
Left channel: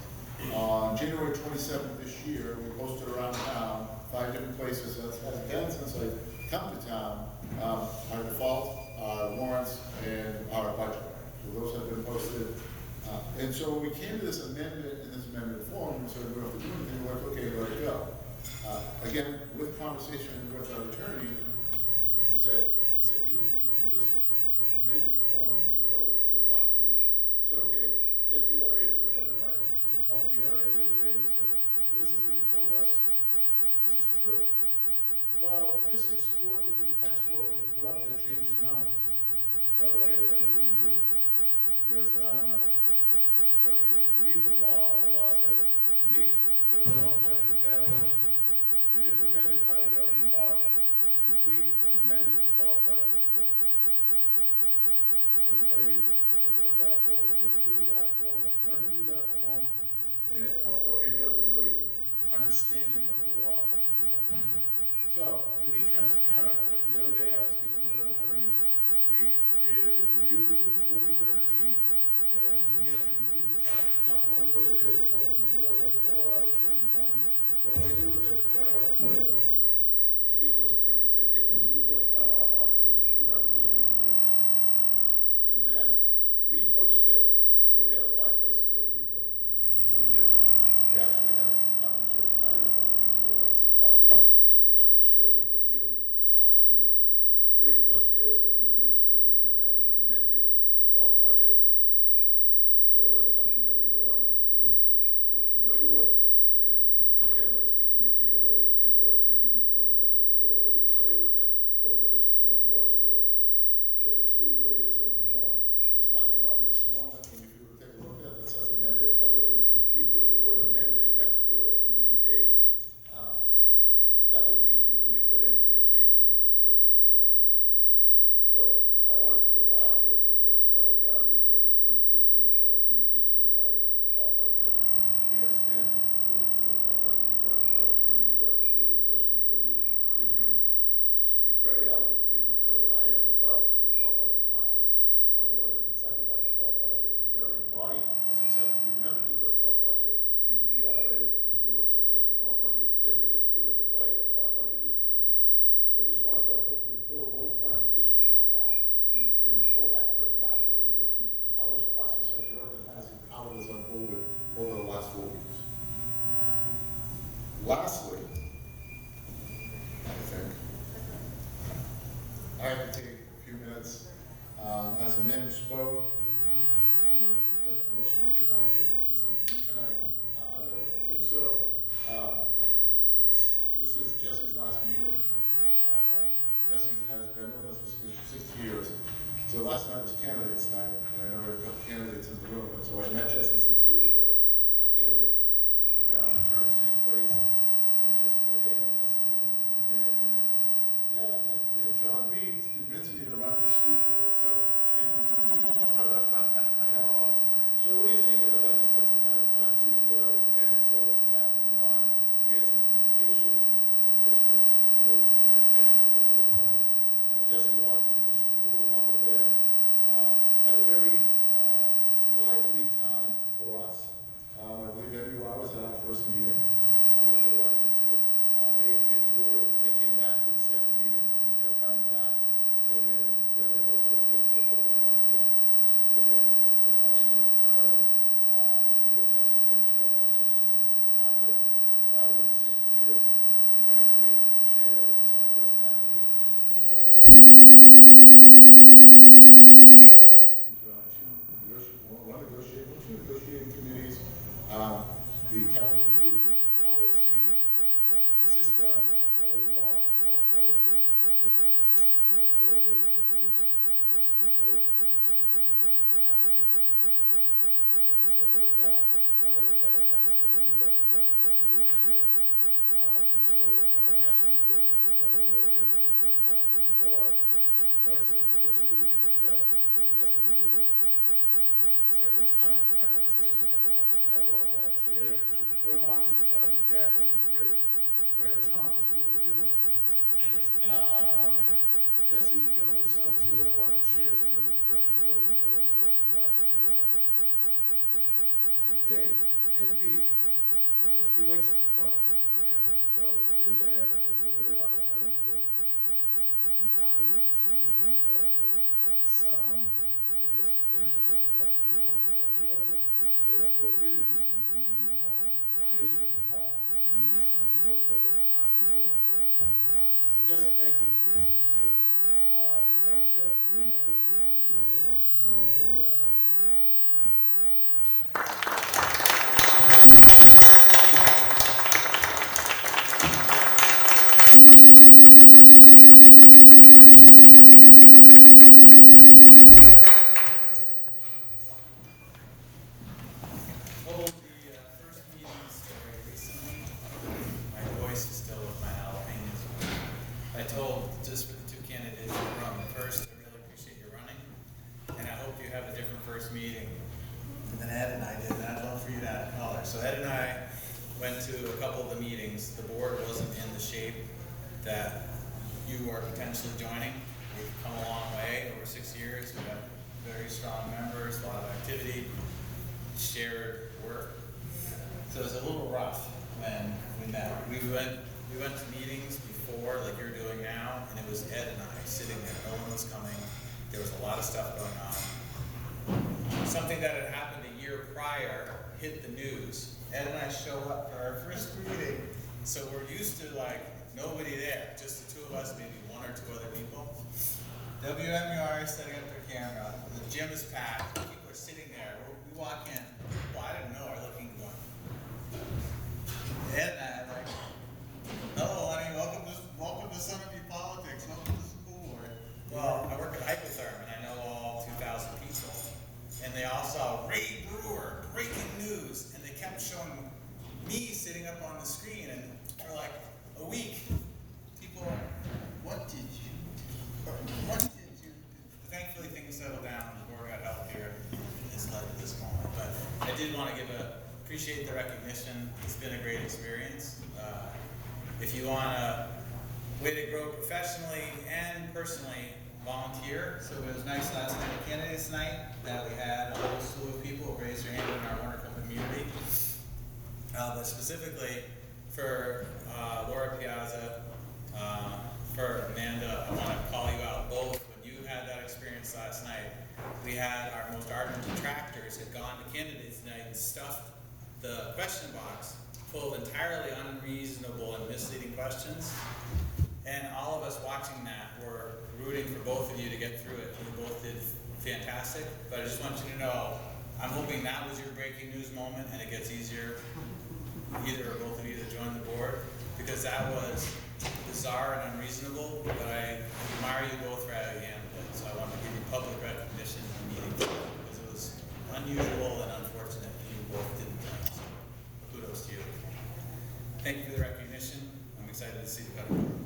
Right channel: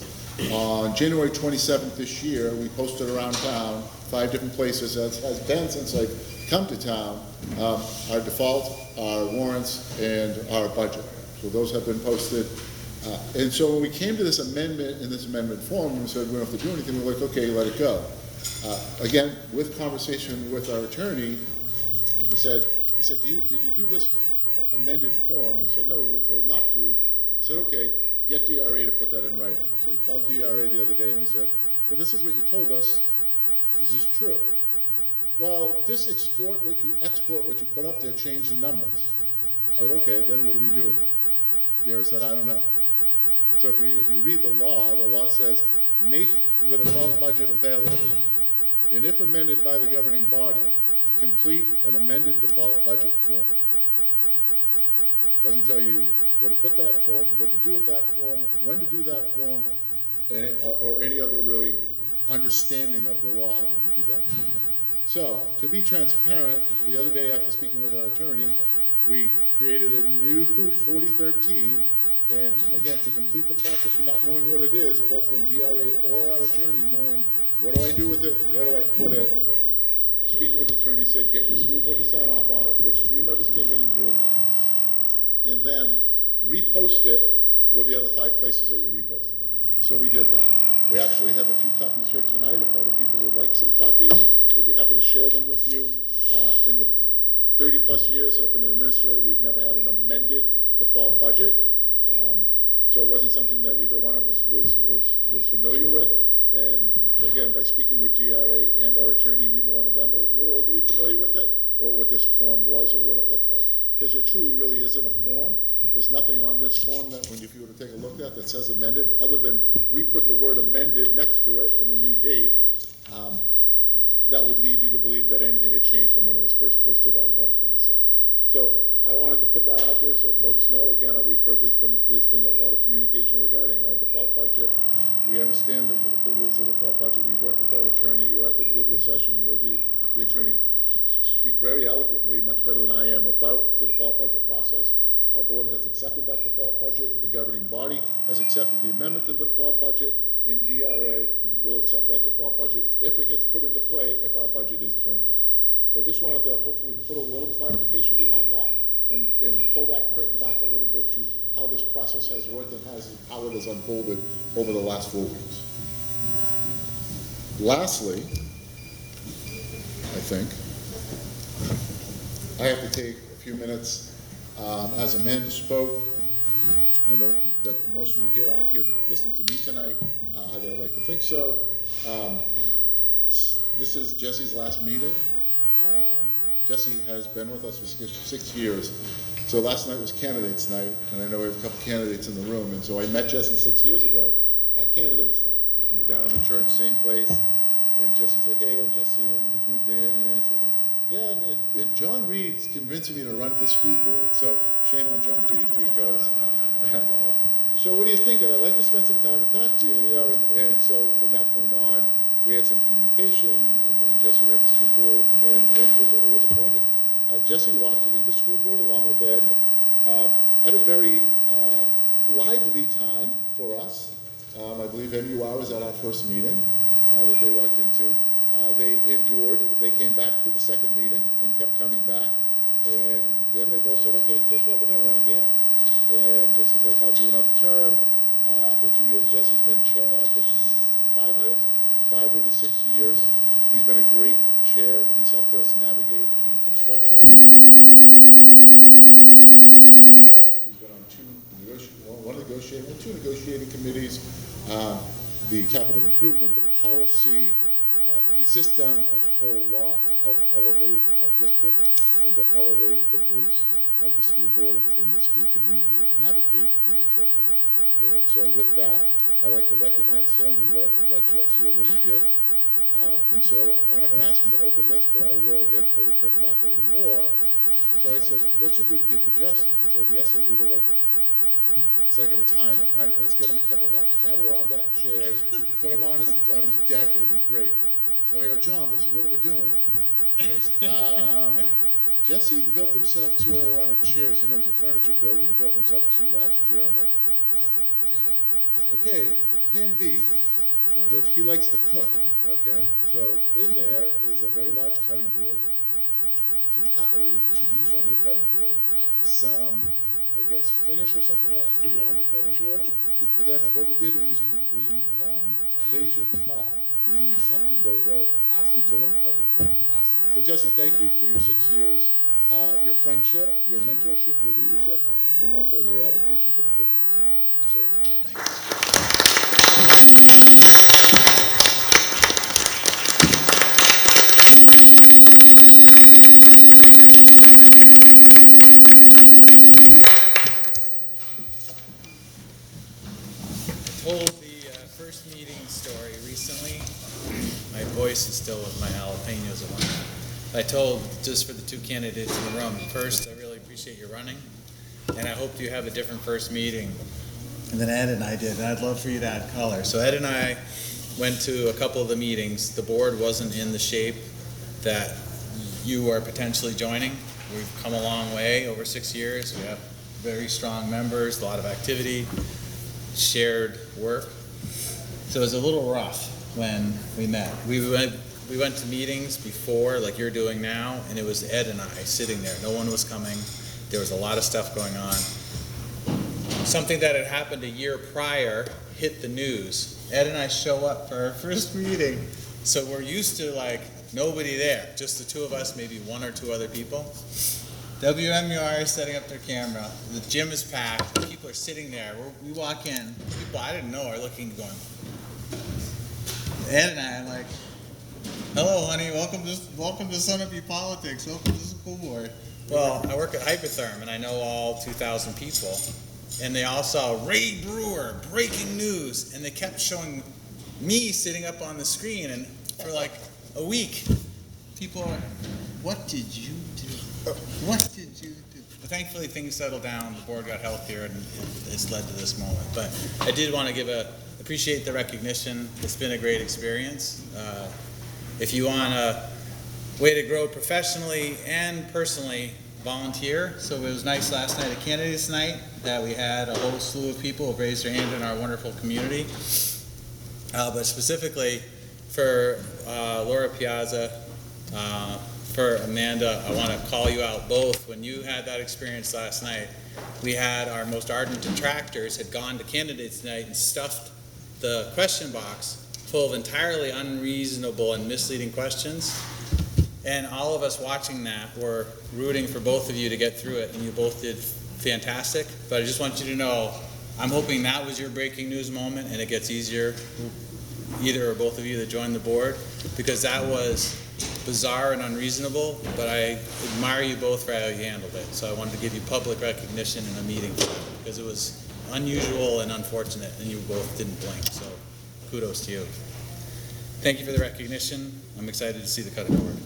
On January 27th this year, we posted around town, 5 different places, as has been since I've come to town, our default, our warrants, and our budget. So those have been posted. And so when we came to this amendment, in this amendment form, we said we don't have to do anything, we're like, okay, let it go. Again, with conversation with our attorney, he said, did you do this amended form? He said, no, we were told not to. He said, okay, get DRA to put that in writing. So we called DRA the other day and we said, hey, this is what you told us. Is this true? Well, just export what you put up there, change the numbers. I said, okay, then what do we do with it? DRA said, I don't know. So if you read the law says, make the default budget available, and if amended by the governing body, complete an amended default budget form. Doesn't tell you where to put that form, what to do with that form, when to do that form, or any other really understanding of the law to do that. So, to be transparent, the other day after speaking with our attorney, we created a new 4013, and again, to complete the process of not knowing what it is, both from DRA or our attorney, knowing what do I do with it, where do I put it, speaking with the attorney, said get your school board to sign off on it, which 3 members came in and did, and then repost it with the other 5 places that you reposted. So we did that. We actually have a few copies here tonight. If other people would like some copies, we'd be happy to share them with you. 30-plus years, I've been an administrator, we've never had an amended default budget. So it wasn't something that either one of us was familiar with. And again, by speaking with DRA and our attorney, neither one of them were overly familiar with it, or what this form was, or what it looked like. Because there truly really isn't a form. There's nothing on this form that, when if you were to take a look at, that says amended, other than we put the word amended next to it in the new date. That would lead you to believe that anything had changed from when it was first posted on 1/27. So I wanted to put that out there so folks know. Again, we've heard there's been a lot of communication regarding our default budget. We understand the rules of the default budget. We worked with our attorney. You were at the deliberative session. You heard the attorney speak very eloquently, much better than I am, about the default budget process. Our board has accepted that default budget. The governing body has accepted the amendment to the default budget. In DRA, we'll accept that default budget if it gets put into play, if our budget is turned down. So I just wanted to hopefully put a little clarification behind that and pull that curtain back a little bit to how this process has worked and how it has unfolded over the last 4 weeks. Lastly, I think, I have to take a few minutes. As Amanda spoke, I know that most of you here aren't here to listen to me tonight. I'd like to think so. This is Jesse's last meeting. Jesse has been with us for 6 years. So last night was candidates night, and I know we have a couple candidates in the room, and so I met Jesse 6 years ago at candidates night. We were down in the church, same place, and Jesse's like, hey, I'm Jesse, I just moved in, and I said, yeah, and John Reed's convincing me to run for school board, so shame on John Reed, because, so what do you think? I'd like to spend some time to talk to you, and so from that point on, we had some communication, and Jesse ran for school board, and it was appointed. Jesse walked into school board along with Ed at a very lively time for us. I believe MUR was at our first meeting that they walked into. They endured. They came back to the second meeting and kept coming back. And then they both said, okay, guess what? We're going to run again. And Jesse's like, I'll do another term. After 2 years, Jesse's been chair now for 5 years. 5 of his 6 years. He's been a great chair. He's helped us navigate the construction and renovation. He's been on two negotiating committees, the capital improvement, the policy. He's just done a whole lot to help elevate our district and to elevate the voice of the school board in the school community and advocate for your children. And so with that, I'd like to recognize him. We went and got Jesse a little gift. And so I'm not going to ask him to open this, but I will again pull the curtain back a little more. So I said, what's a good gift for Jesse? And so yesterday we were like, it's like a retirement, right? Let's get him a couple of Adirondack chairs, put him on his deck, it'll be great. So I go, John, this is what we're doing. He goes, Jesse built himself 2 Adirondack chairs. You know, he's a furniture builder. He built himself 2 last year. I'm like, damn it. Okay, plan B. John goes, he likes to cook. Okay, so in there is a very large cutting board, some cutlery that you use on your cutting board, some, I guess, finish or something that has to go on your cutting board. But then what we did was we laser cut the Sunbeam logo into one part of your cutting board. Awesome. So Jesse, thank you for your 6 years, your friendship, your mentorship, your leadership, and more importantly, your advocacy for the kids of this community. Yes, sir. Told the first meeting story recently. My voice is still my jalapenos. I told, just for the 2 candidates in the room, first, I really appreciate your running, and I hope you have a different first meeting than Ed and I did, and I'd love for you to add color. So Ed and I went to a couple of the meetings. The board wasn't in the shape that you are potentially joining. We've come a long way over 6 years. We have very strong members, a lot of activity, shared work. So it was a little rough when we met. We went to meetings before, like you're doing now, and it was Ed and I sitting there. No one was coming. There was a lot of stuff going on. Something that had happened a year prior hit the news. Ed and I show up for our first meeting, So we're used to like nobody there, just the two of us, maybe one or two other people. WMUR is setting up their camera. The gym is packed. People are sitting there. We walk in. People I didn't know are looking, going. Ed and I, I'm like, "Hello, honey. Welcome to Sunapee Politics. Welcome to the school board." Well, I work at Hypertherm, and I know all 2,000 people. And they all saw Ray Brewer, breaking news, and they kept showing me sitting up on the screen. And for like a week, people are, "What did you do? What did you do?" But thankfully, things settled down. The board got healthier, and it's led to this moment. But I did want to appreciate the recognition. It's been a great experience. If you want a way to grow professionally and personally, volunteer. So it was nice last night at Candidates Night that we had a whole slew of people who raised their hand in our wonderful community. But specifically for Laura Piazza, for Amanda, I want to call you out both. When you had that experience last night, we had our most ardent detractors had gone to Candidates Night and stuffed the question box full of entirely unreasonable and misleading questions. And all of us watching that were rooting for both of you to get through it, and you both did fantastic. But I just want you to know, I'm hoping that was your breaking news moment, and it gets easier, either or both of you that joined the board, because that was bizarre and unreasonable, but I admire you both for how you handled it. So I wanted to give you public recognition in a meeting, because it was unusual and unfortunate, and you both didn't blink. So kudos to you. Thank you for the recognition. I'm excited to see the cutting board.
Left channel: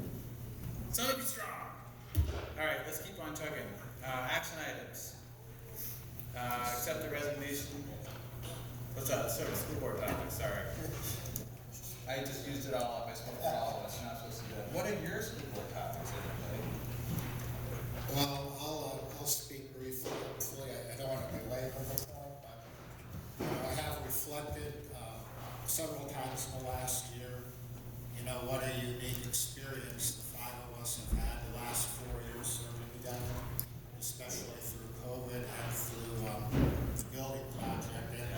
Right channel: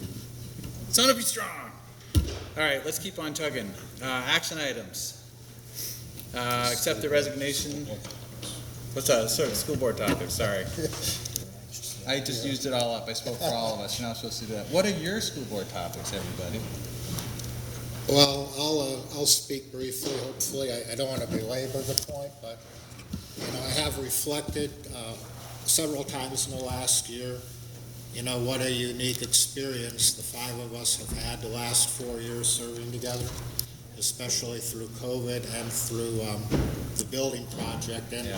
Sunapee strong! All right, let's keep on chugging. Action items. Accept the resignation. What's that? Sorry, school board topic, sorry. I just used it all up. I spoke for all of us. You're not supposed to do that. What are your school board topics, everybody? Well, I'll speak briefly, hopefully. I don't want to belabor the point, but I have reflected several times in the last year, what a unique experience the five of us have had the last 4 years serving together, especially through COVID and through the building project. And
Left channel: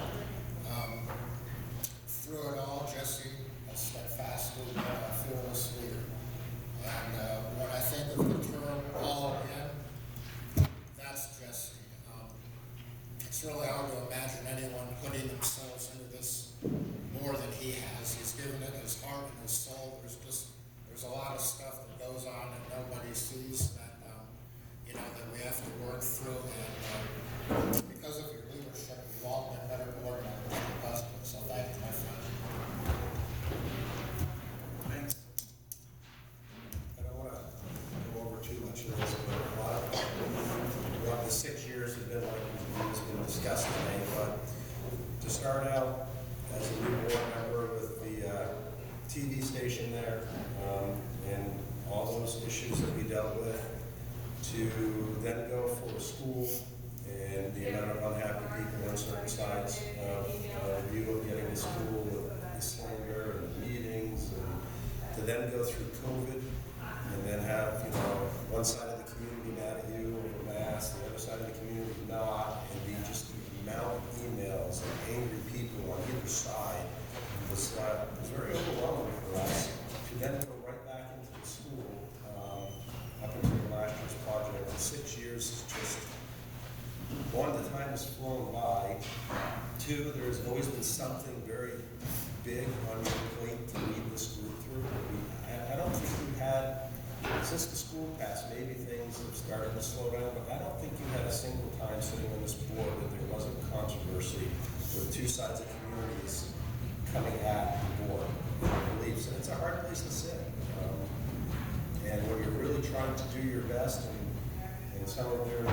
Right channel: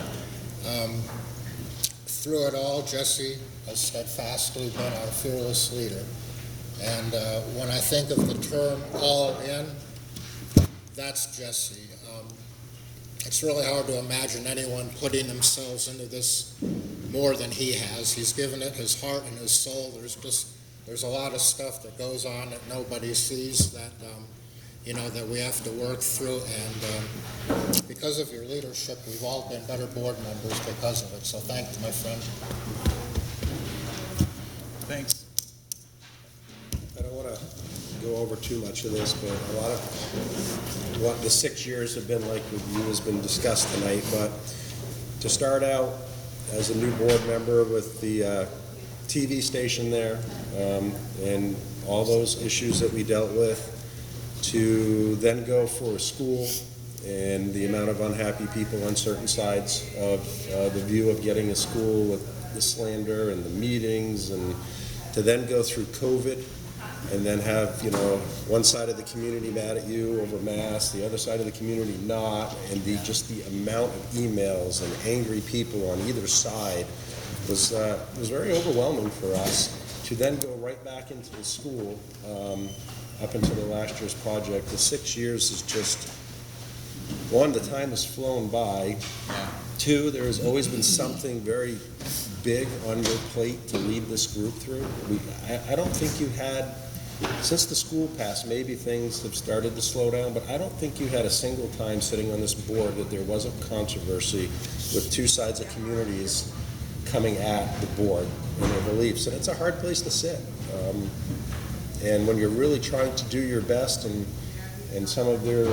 through it all, Jesse has steadfastly been our fearless leader. And when I think of the term all in, that's Jesse. It's really hard to imagine anyone putting themselves into this more than he has. He's given it his heart and his soul. There's a lot of stuff that goes on that nobody sees that that we have to work through. And because of your leadership, we've all been better board members because of it. So thank you, my friend. Thanks. I don't want to go over too much of this, but a lot of what the 6 years have been like with you has been discussed tonight. But to start out as a new board member with the TV station there and all those issues that we dealt with, to then go for a school and the amount of unhappy people on certain sides of the view of getting a school with the slander and the meetings, and to then go through COVID and then have, one side of the community mad at you over masks, the other side of the community not, and just the amount of emails and angry people on either side was very overwhelming for us. To then go right back into the school up until the last year's project, the 6 years is just, one, the time has flown by. Two, there has always been something very big on your plate to lead this group through. I don't think you had, since the school passed, maybe things have started to slow down, but I don't think you had a single time sitting on this board that there wasn't controversy with two sides of communities coming at the board and their beliefs. And it's a hard place to sit. And when you're really trying to do your best and some of their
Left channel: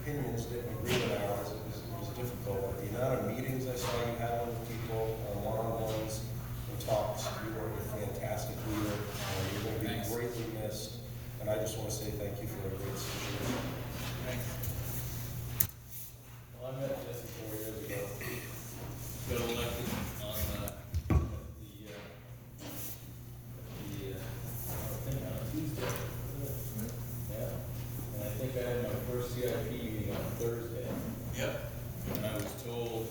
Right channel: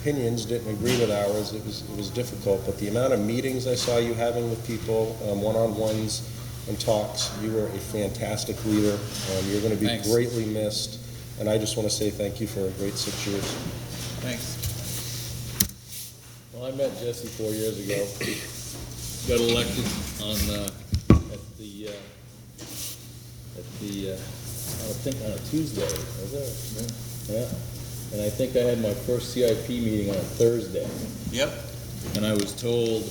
opinions didn't agree with ours, it was difficult. But the amount of meetings I saw you having with people, one-on-ones and talks, you were a fantastic leader. You're going to be Thanks. Greatly missed. And I just want to say thank you for a great 6 years. Thanks. Well, I met Jesse 4 years ago. Got elected I think on a Tuesday, was it? Yeah. And I think I had my first CIP meeting on a Thursday. Yep. And I was told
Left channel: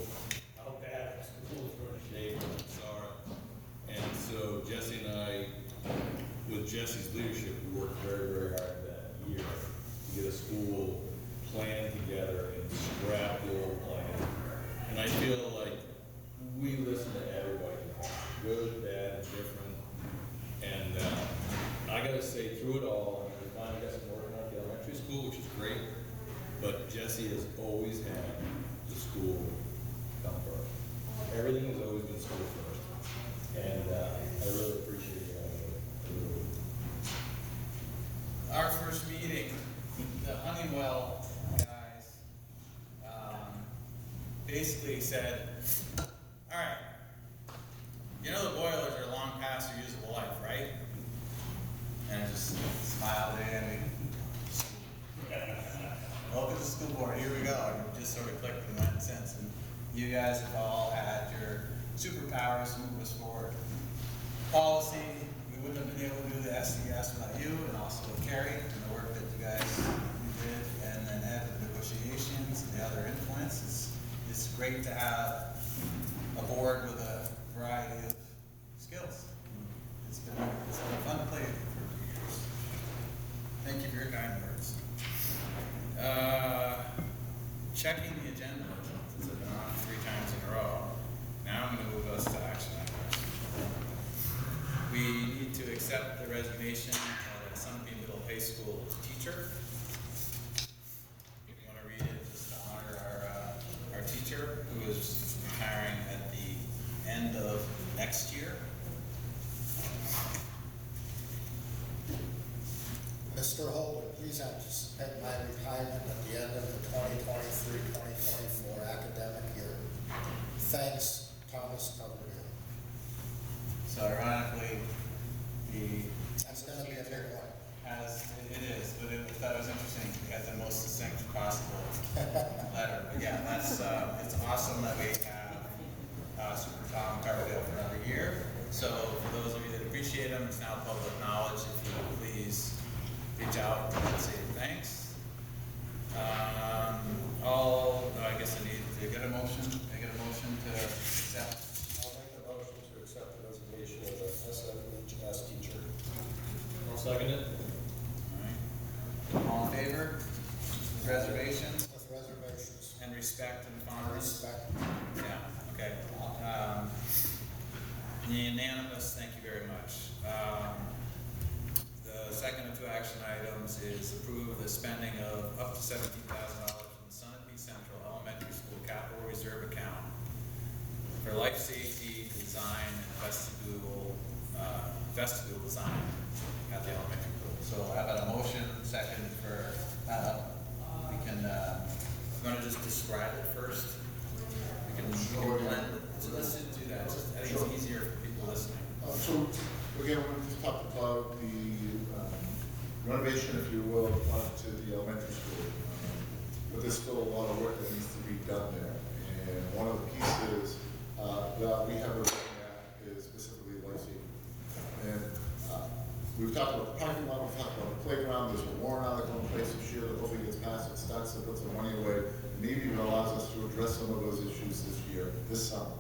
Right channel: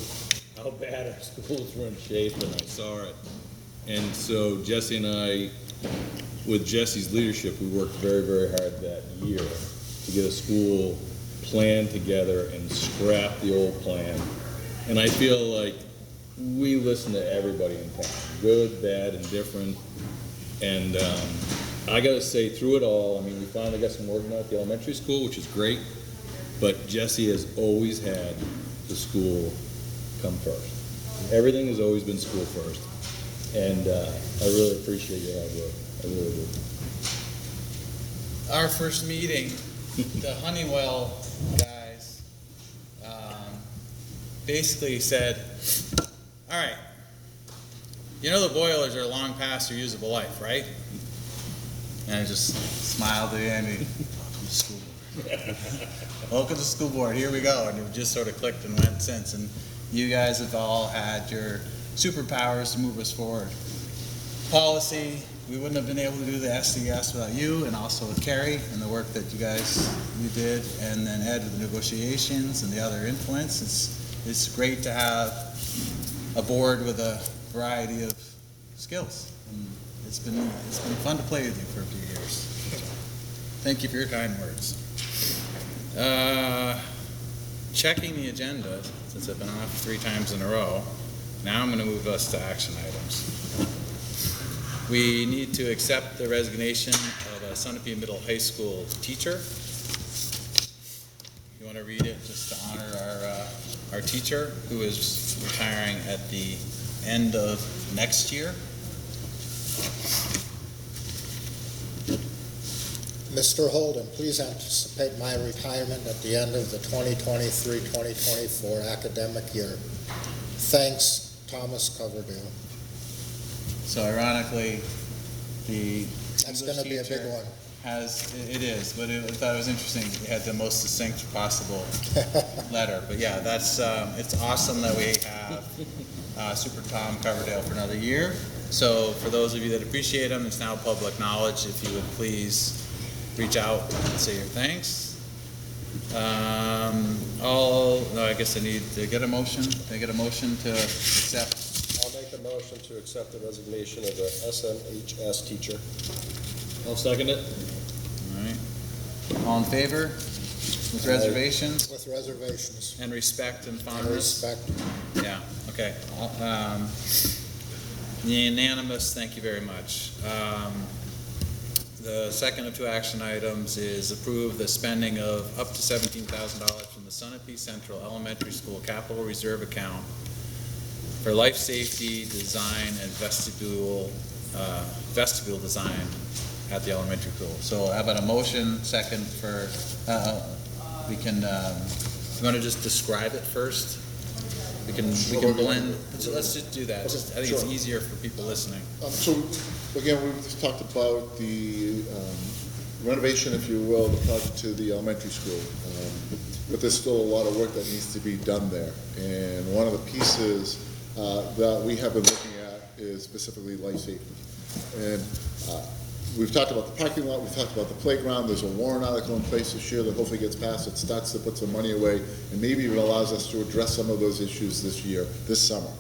how bad our schools were in shape, and I saw it. And so Jesse and I, with Jesse's leadership, we worked very, very hard that year to get a school plan together and scrap the old plan. And I feel like we listen to everybody in town, good, bad, and different. And I gotta say, through it all, I mean, we finally got some work done at the elementary school, which is great, but Jesse has always had the school come first. Everything has always been school first. And I really appreciate your hard work. I really do. Our first meeting, the Honeywell guys basically said, all right, you know the boilers are long past their usable life, right? And I just smiled at the end. Welcome to the school board, here we go. And it just sort of clicked and went since. And you guys have all had your superpowers to move us forward. Policy, we wouldn't have been able to do the SDS without you, and also with Carrie and the work that you did, and then Ed with the negotiations and the other influence. It's great to have a board with a variety of skills. And it's been fun to play with you for a few years. Thank you for your kind words. Checking the agenda, since I've been off 3 times in a row, now I'm going to move us to action items. We need to accept the resignation of a Sunapee Middle High School teacher. You want to read it just to honor our teacher who is retiring at the end of next year? Mr. Holden, please anticipate my retirement at the end of the 2023-2024 academic year. Thanks, Thomas Coverdale. So ironically, the That's going to be a big one. it is, but I thought it was interesting. It had the most succinct possible letter. But yeah, that's it's awesome that we have Super Tom Coverdale for another year. So for those of you that appreciate him, it's now public knowledge. If you would please reach out and say your thanks. I guess I need to get a motion. Can I get a motion to accept? I'll make a motion to accept the resignation of the SMHS teacher. I'll second it. All right. All in favor? With reservations? With reservations. And respect and And fondness? respect. Yeah, okay. Unanimous, thank you very much. The second of 2 action items is approve the spending of up to $17,000 from the Sunapee Central Elementary School Capital Reserve Account for life safety design and vestibule design at the elementary school. So how about a motion, second for, we can, you want to just describe it first? We can blend, so let's just do that. I think it's easier for people listening. So, again, we just talked about the renovation, if you will, the project to the elementary school. But there's still a lot of work that needs to be done there. And one of the pieces that we have been looking at is specifically life safety. And we've talked about the parking lot, we've talked about the playground, there's a warrant article in place this year that hopefully gets passed, it starts to put some money away, and maybe even allows us to address some of those issues this summer.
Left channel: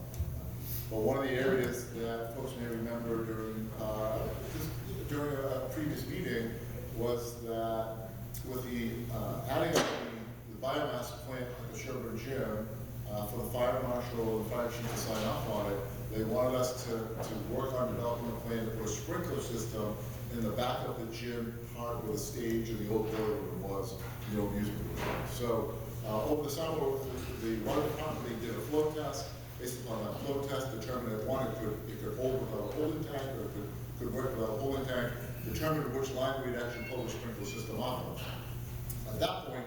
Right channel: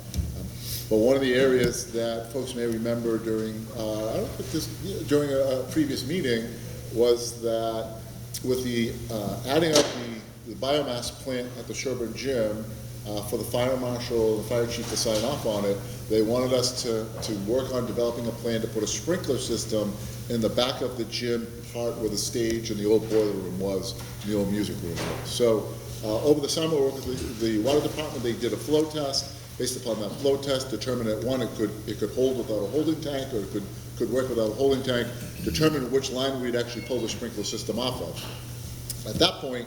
But one of the areas that folks may remember during a previous meeting was that with the adding up the biomass plant at the Sherburne Gym, for the fire marshal, the fire chief to sign off on it, they wanted us to work on developing a plan to put a sprinkler system in the back of the gym part where the stage and the old boiler room was, the old music room was. So over the summer, the water department, they did a flow test. Based upon that flow test, determined that one, it could hold without a holding tank, or it could work without a holding tank, determined which line we'd actually pull the sprinkler system off of. At that point,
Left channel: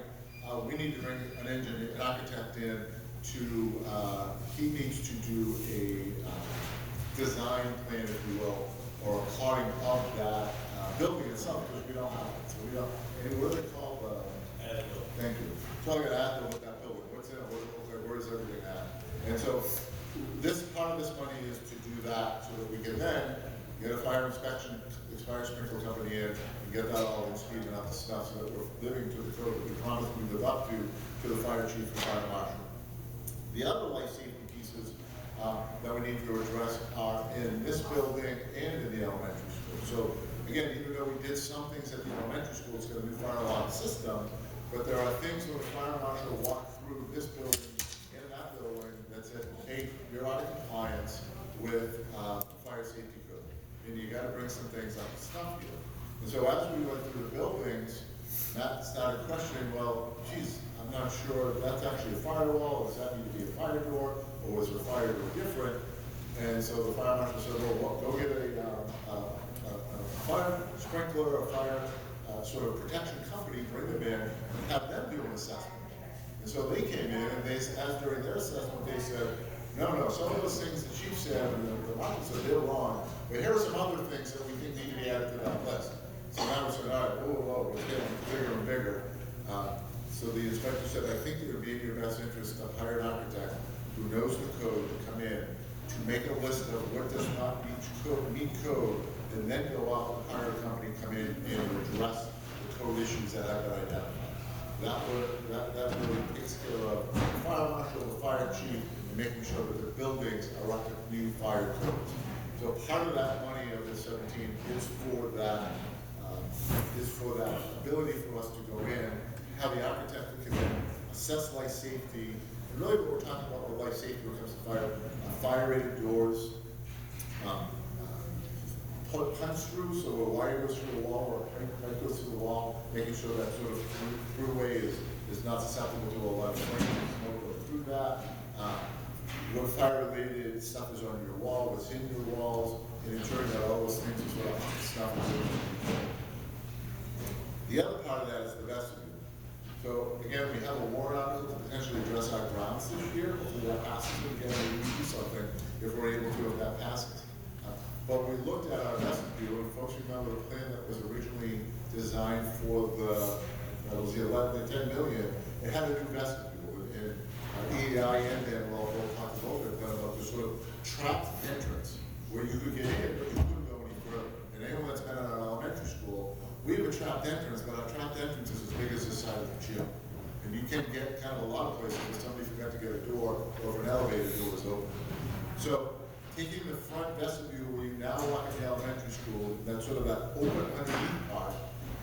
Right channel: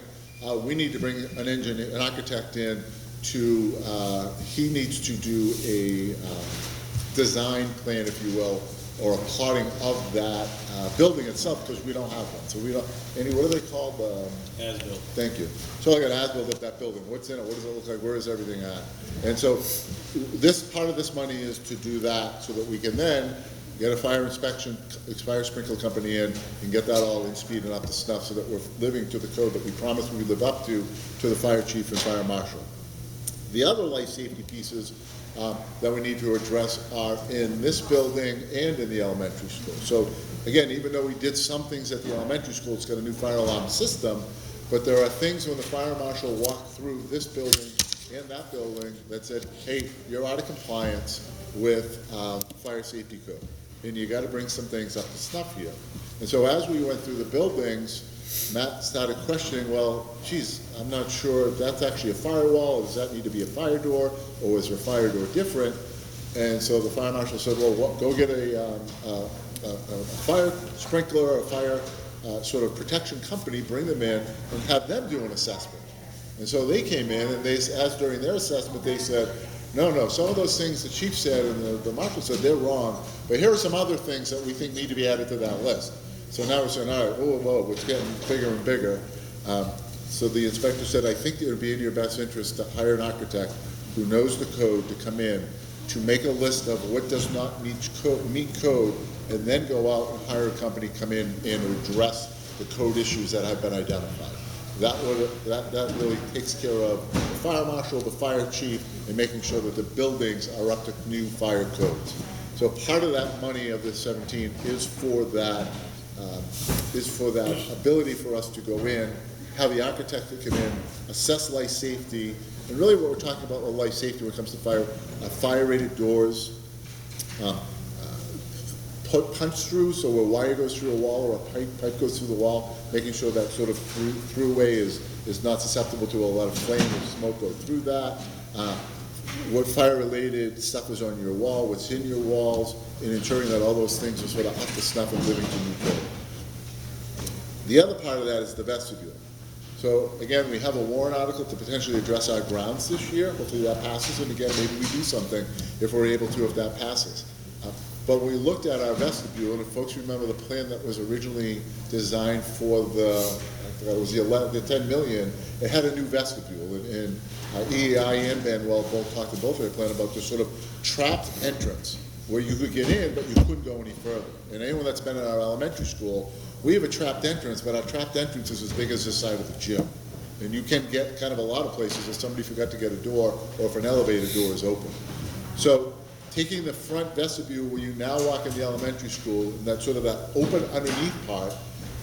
we need to bring an architect in to, he needs to do a design plan, if you will, or a plotting of that building itself, because we don't have one. So we don't, what are they called? As-built. Thank you. So like an as-built of that building. What's in it? What does it look like? Where is everything at? And so this part of this money is to do that so that we can then get a fire sprinkler company in and get that all in speed and up to snuff so that we're living to the code that we promised we would live up to the fire chief and fire marshal. The other life safety pieces that we need to address are in this building and in the elementary school. So again, even though we did some things at the elementary school, it's got a new fire alarm system, but there are things when the fire marshal walked through this building and that building that said, hey, you're out of compliance with fire safety code, and you gotta bring some things up to snuff here. And so as we went through the buildings, Matt started questioning, well, geez, I'm not sure if that's actually a firewall, or does that need to be a fire door, or is a fire door different? And so the fire marshal said, well, go get a fire sprinkler or fire sort of protection company, bring them in, and have them do an assessment. And so they came in, and they, as during their assessment, they said, no, some of those things the chief said and the marshal said, they're wrong, but here are some other things that we think need to be added to that list. So now we're saying, all right, whoa, it's getting bigger and bigger. So the inspector said, I think it would be in your best interest to hire an architect who knows the code to come in, to make a list of what does not meet code, and then go out and hire a company to come in and address the code issues that have been identified. That really takes care of the fire marshal, the fire chief, and making sure that the buildings are up to new fire codes. So part of that money of the 17 is for that ability for us to go in, have the architect come in, assess life safety, and really what we're talking about with life safety when it comes to fire, fire-rated doors, put punch through, so a wire goes through a wall or a pipe goes through the wall, making sure that sort of throughway is not susceptible to a lot of flame and smoke go through that. What fire-related stuff is on your wall, what's in your walls, and ensuring that all those things are sort of up to snuff and living to new code. The other part of that is the vestibule. So again, we have a warrant article to potentially address our grounds this year. Hopefully that passes, and again, maybe we do something if we're able to, if that passes. But we looked at our vestibule, and if folks remember the plan that was originally designed for the 10 million, it had a new vestibule, and EEI and Manuel both talked to both of their plan about this sort of trapped entrance where you could get in, but you couldn't go any further. And anyone that's been in our elementary school, we have a trapped entrance, but our trapped entrance is as big as this side of the gym. And you can get kind of a lot of places if somebody forgot to get a door, or if an elevator door is open. So taking the front vestibule where you now walk in the elementary school, and that sort of that open underneath part,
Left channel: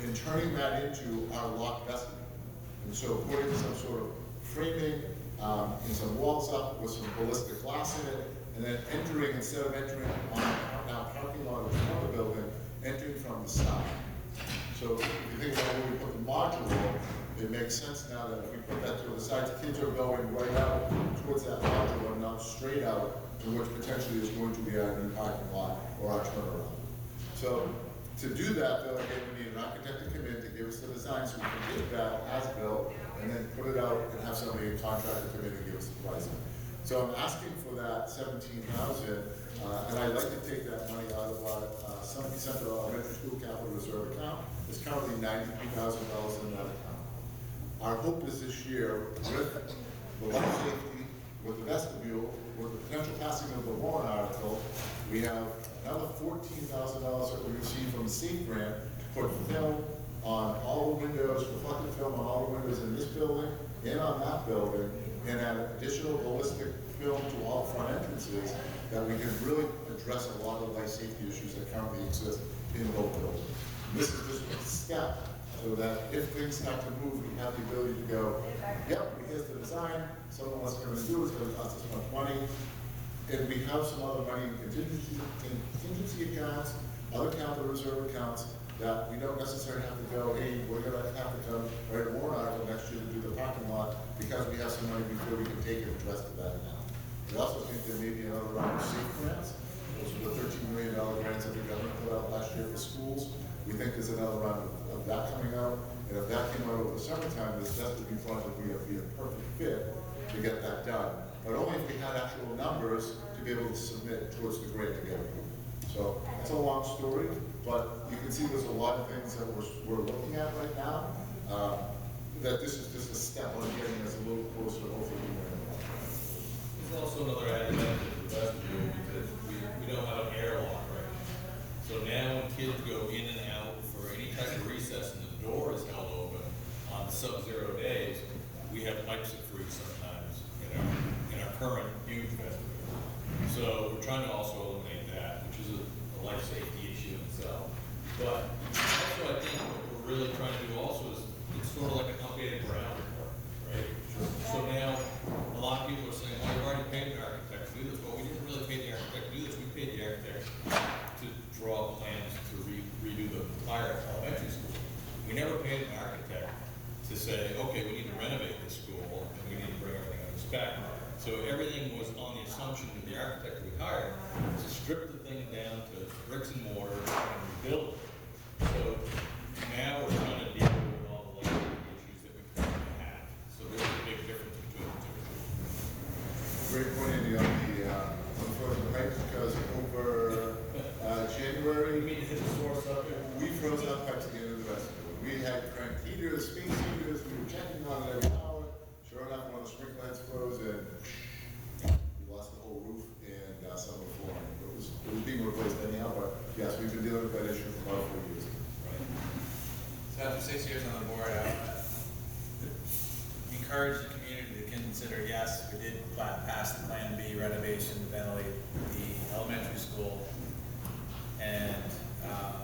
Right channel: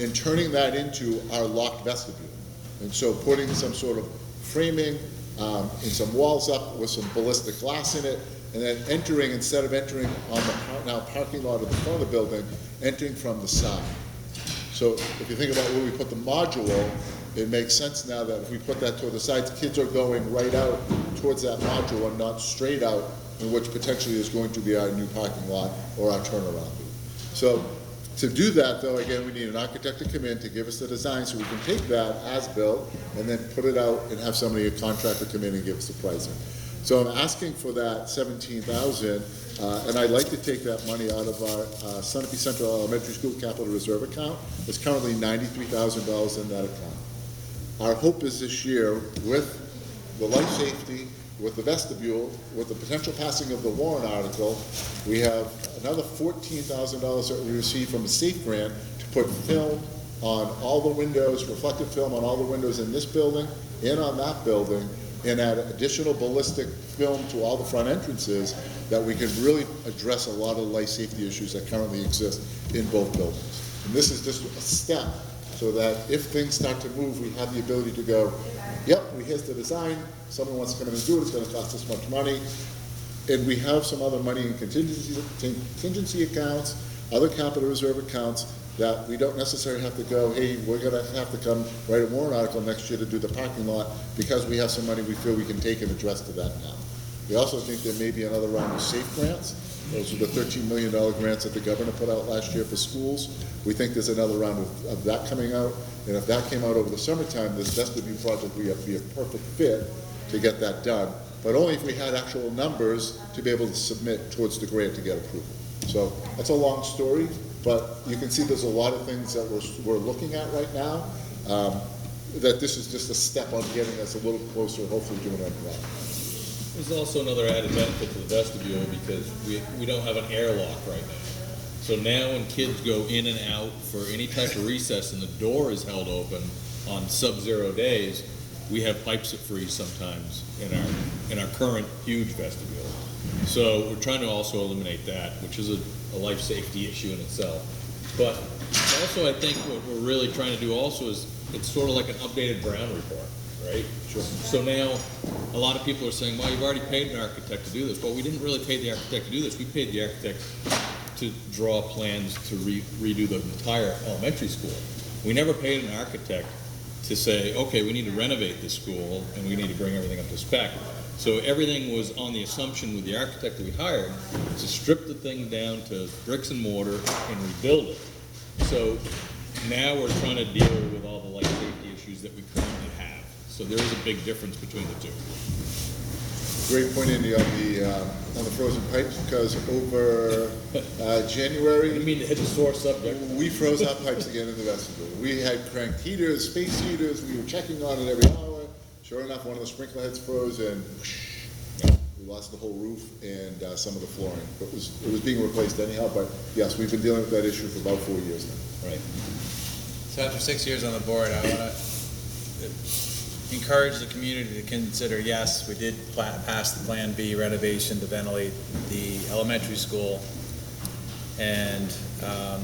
and turning that into our locked vestibule. And so putting some sort of framing and some walls up with some ballistic glass in it, and then entering, instead of entering on the now parking lot of the front of the building, entering from the side. So if you think about where we put the module, it makes sense now that if we put that toward the sides, kids are going right out towards that module and not straight out, in which potentially is going to be our new parking lot or our turnaround. So to do that, though, again, we need an architect to come in to give us the design so we can take that as built and then put it out and have somebody, a contractor, come in and give us the pricing. So I'm asking for that 17,000, and I'd like to take that money out of our Sunapee Central Elementary School Capital Reserve account. It's currently $93,000 in that account. Our hope is this year, with the life safety, with the vestibule, with the potential passing of the warrant article, we have another $14,000 that we received from the SAFE grant to put film on all the windows, reflective film on all the windows in this building and on that building, and add additional ballistic film to all the front entrances, that we can really address a lot of life safety issues that currently exist in both buildings. And this is just a step, so that if things start to move, we have the ability to go, yep, here's the design, someone wants to come in and do it, it's gonna cost this much money, and we have some other money in contingency accounts, other capital reserve accounts, that we don't necessarily have to go, hey, we're gonna have to come write a warrant article next year to do the parking lot, because we have some money we feel we can take and address to that now. We also think there may be another round of SAFE grants. Those are the $13 million grants that the governor put out last year for schools. We think there's another round of that coming out, and if that came out over the summertime, this vestibule project would be a perfect fit to get that done, but only if we had actual numbers to be able to submit towards the grant to get approved. So that's a long story, but you can see there's a lot of things that we're looking at right now, that this is just a step on getting us a little closer, hopefully doing that well. There's also another added benefit to the vestibule because we don't have an airlock right now. So now when kids go in and out for any type of recess and the door is held open on sub-zero days, we have pipes that freeze sometimes in our current huge vestibule. So we're trying to also eliminate that, which is a life safety issue in itself. But also, I think what we're really trying to do also is, it's sort of like an updated Brown report, right? Sure. So now, a lot of people are saying, well, you've already paid an architect to do this. Well, we didn't really pay the architect to do this. We paid the architect to draw plans to redo the entire elementary school. We never paid an architect to say, okay, we need to renovate this school and we need to bring everything up to spec. So everything was on the assumption with the architect that we hired to strip the thing down to bricks and mortar and rebuild it. So now we're trying to deal with all the life safety issues that we currently have. So there is a big difference between the two. Great point, Andy, on the frozen pipes, because over January, You mean to hit the sore subject? we froze our pipes again in the vestibule. We had cranked heaters, space heaters, we were checking on it every hour. Sure enough, one of the sprinkler heads froze and we lost the whole roof and some of the flooring. It was being replaced anyhow, but yes, we've been dealing with that issue for about 4 years now. Right. So after 6 years on the board, I want to encourage the community to consider, yes, we did pass the Plan B renovation to ventilate the elementary school and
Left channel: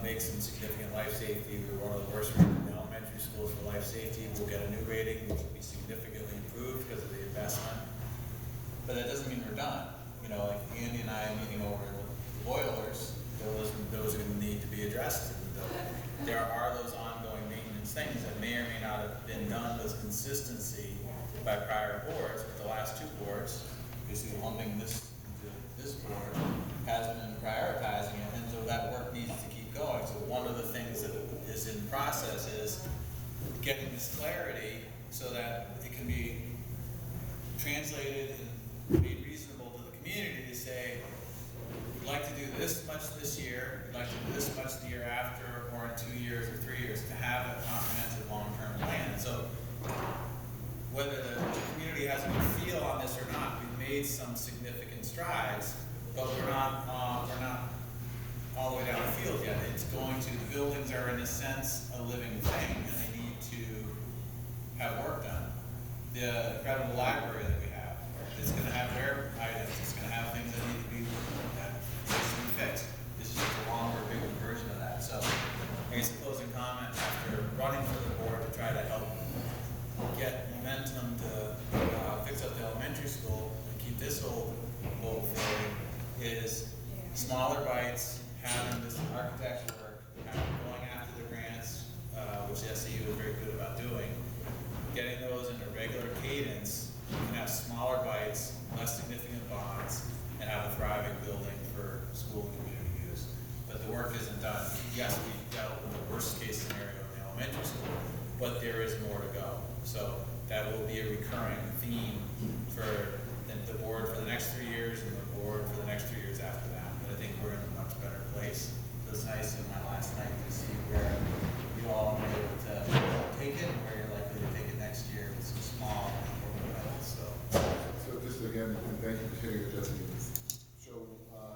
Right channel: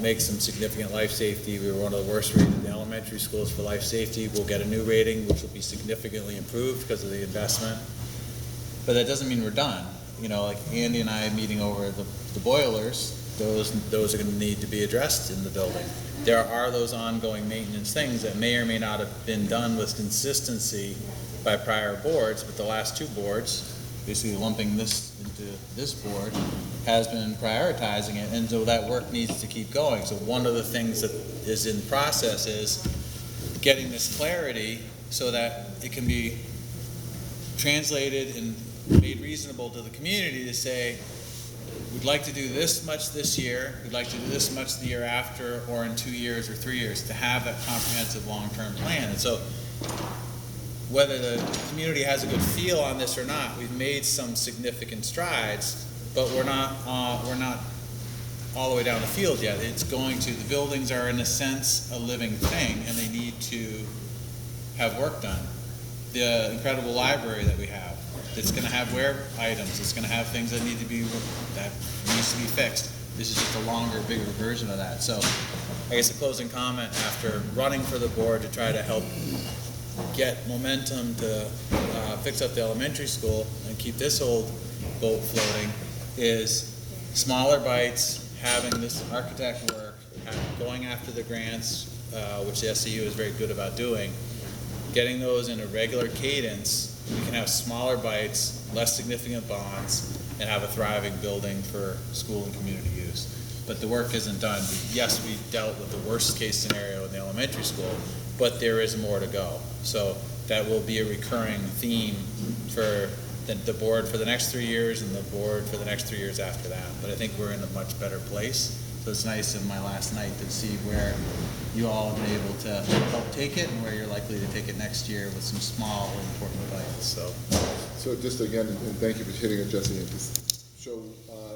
make some significant life safety. We were one of the worst rated elementary schools for life safety. We'll get a new rating, which will be significantly improved because of the investment. But that doesn't mean we're done. You know, like Andy and I meeting over the boilers, those are going to need to be addressed in the building. There are those ongoing maintenance things that may or may not have been done with consistency by prior boards, but the last two boards, basically lumping this into this board, has been prioritizing it, and so that work needs to keep going. So one of the things that is in process is getting this clarity so that it can be translated and made reasonable to the community to say, we'd like to do this much this year, we'd like to do this much the year after, or in 2 years or 3 years, to have a comprehensive long-term plan. And so whether the community has a good feel on this or not, we've made some significant strides, but we're not all the way down the field yet. It's going to, the buildings are in a sense a living thing, and they need to have work done. The incredible library that we have, it's gonna have wear items, it's gonna have things that need to be fixed. This is just a longer, bigger version of that. So I guess a closing comment after running for the board to try to help get momentum to fix up the elementary school and keep this old boat floating is smaller bites, having this architect work, going after the grants, which the SCU is very good about doing, getting those in a regular cadence. You can have smaller bites, less significant bonds, and have a thriving building for school and community use. But the work isn't done. Yes, we dealt with the worst case scenario in the elementary school, but there is more to go. So that will be a recurring theme for the board for the next 3 years and the board for the next 3 years after that. But I think we're in a much better place. So it's nice in my last night to see where you all have been able to help take it and where you're likely to take it next year with some small but important bites. So just again, and thank you for hitting it, Jesse. So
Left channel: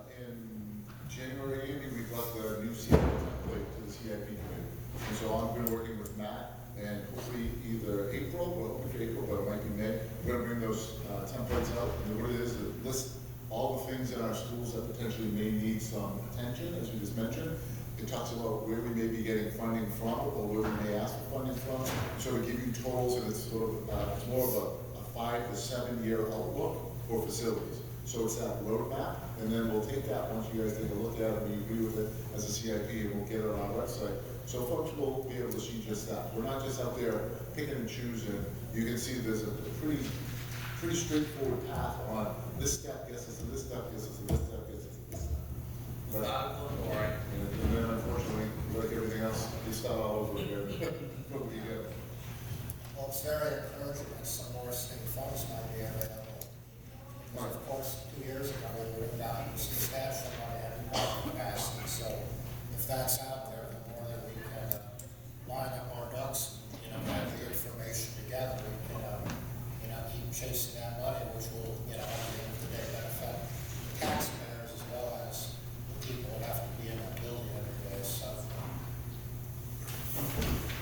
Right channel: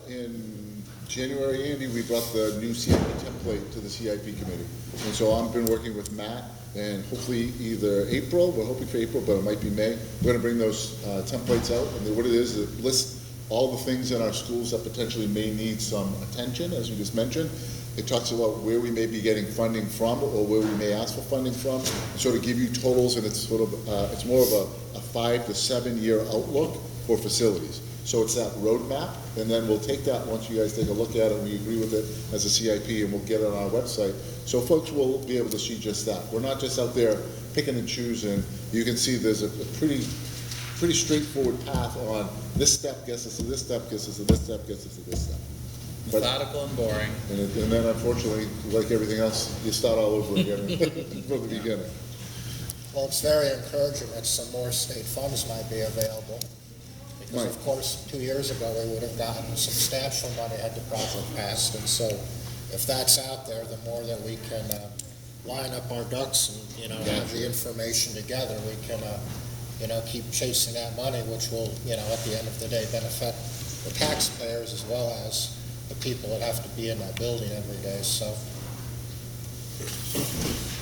in January, Andy, we brought the new CIP template to the CIP committee. And so I've been working with Matt, and hopefully either April, we're hoping for April, but it might be May, we're gonna bring those templates out. And what it is, it lists all the things in our schools that potentially may need some attention, as you just mentioned. It talks about where we may be getting funding from, or where we may ask for funding from, sort of give you totals, and it's sort of, it's more of a 5 to 7 year outlook for facilities. So it's that roadmap, and then we'll take that once you guys take a look at it and you agree with it as a CIP, and we'll get it on our website. So folks will be able to see just that. We're not just out there picking and choosing. You can see there's a pretty straightforward path on this step gets us to this step, gets us to this step, gets us to this step. But, Methodical and boring. and then unfortunately, like everything else, you start all over again from the beginning. Well, it's very encouraging that some more state funds might be available. Because of course, 2 years ago, they would have gotten substantial money had the project passed. And so if that's out there, the more that we can line up our ducks and, have the information together, we can, keep chasing that money, which will, at the end of the day, benefit the taxpayers as well as the people that have to be in that building every day. So.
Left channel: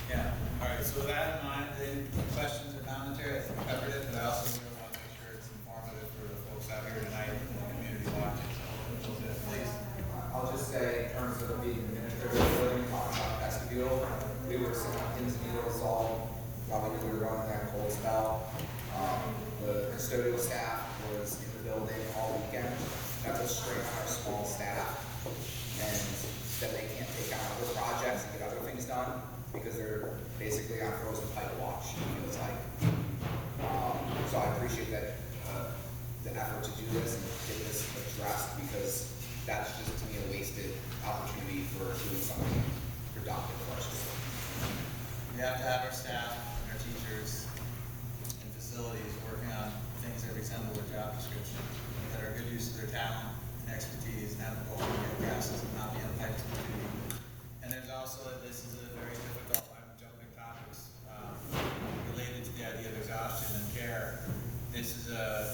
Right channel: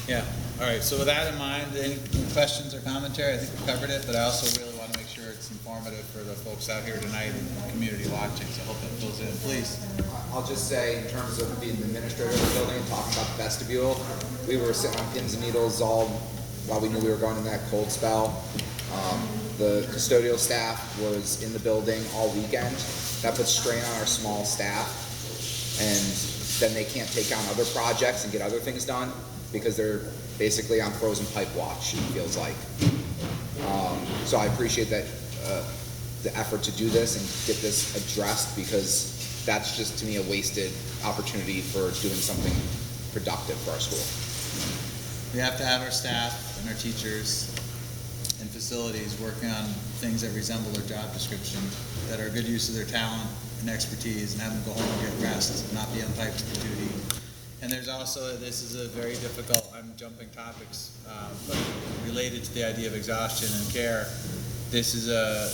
Yeah, all right, so with that in mind, any questions or commentary? I think we covered it, but I also really want to make sure it's informative for the folks folks out here tonight and the community watching, so I hope it fills in. Please. I'll just say, in terms of being the administrator of the building, talking about the vestibule, we were sitting on pins and needles all while we knew we were going in that cold spell. The custodial staff was in the building all weekend. That puts strain on our small staff, and then they can't take on other projects and get other things done because they're basically on frozen pipe watch, it feels like. So I appreciate that, the effort to do this and get this addressed, because that's just, to me, a wasted opportunity for doing something productive for our school. We have to have our staff and our teachers and facilities working on things that resemble their job description, that are good use of their talent and expertise, and have them go home and get rest and not be on pipe duty. And there's also, this is a very difficult, I'm jumping topics, but related to the idea of exhaustion and care. There's a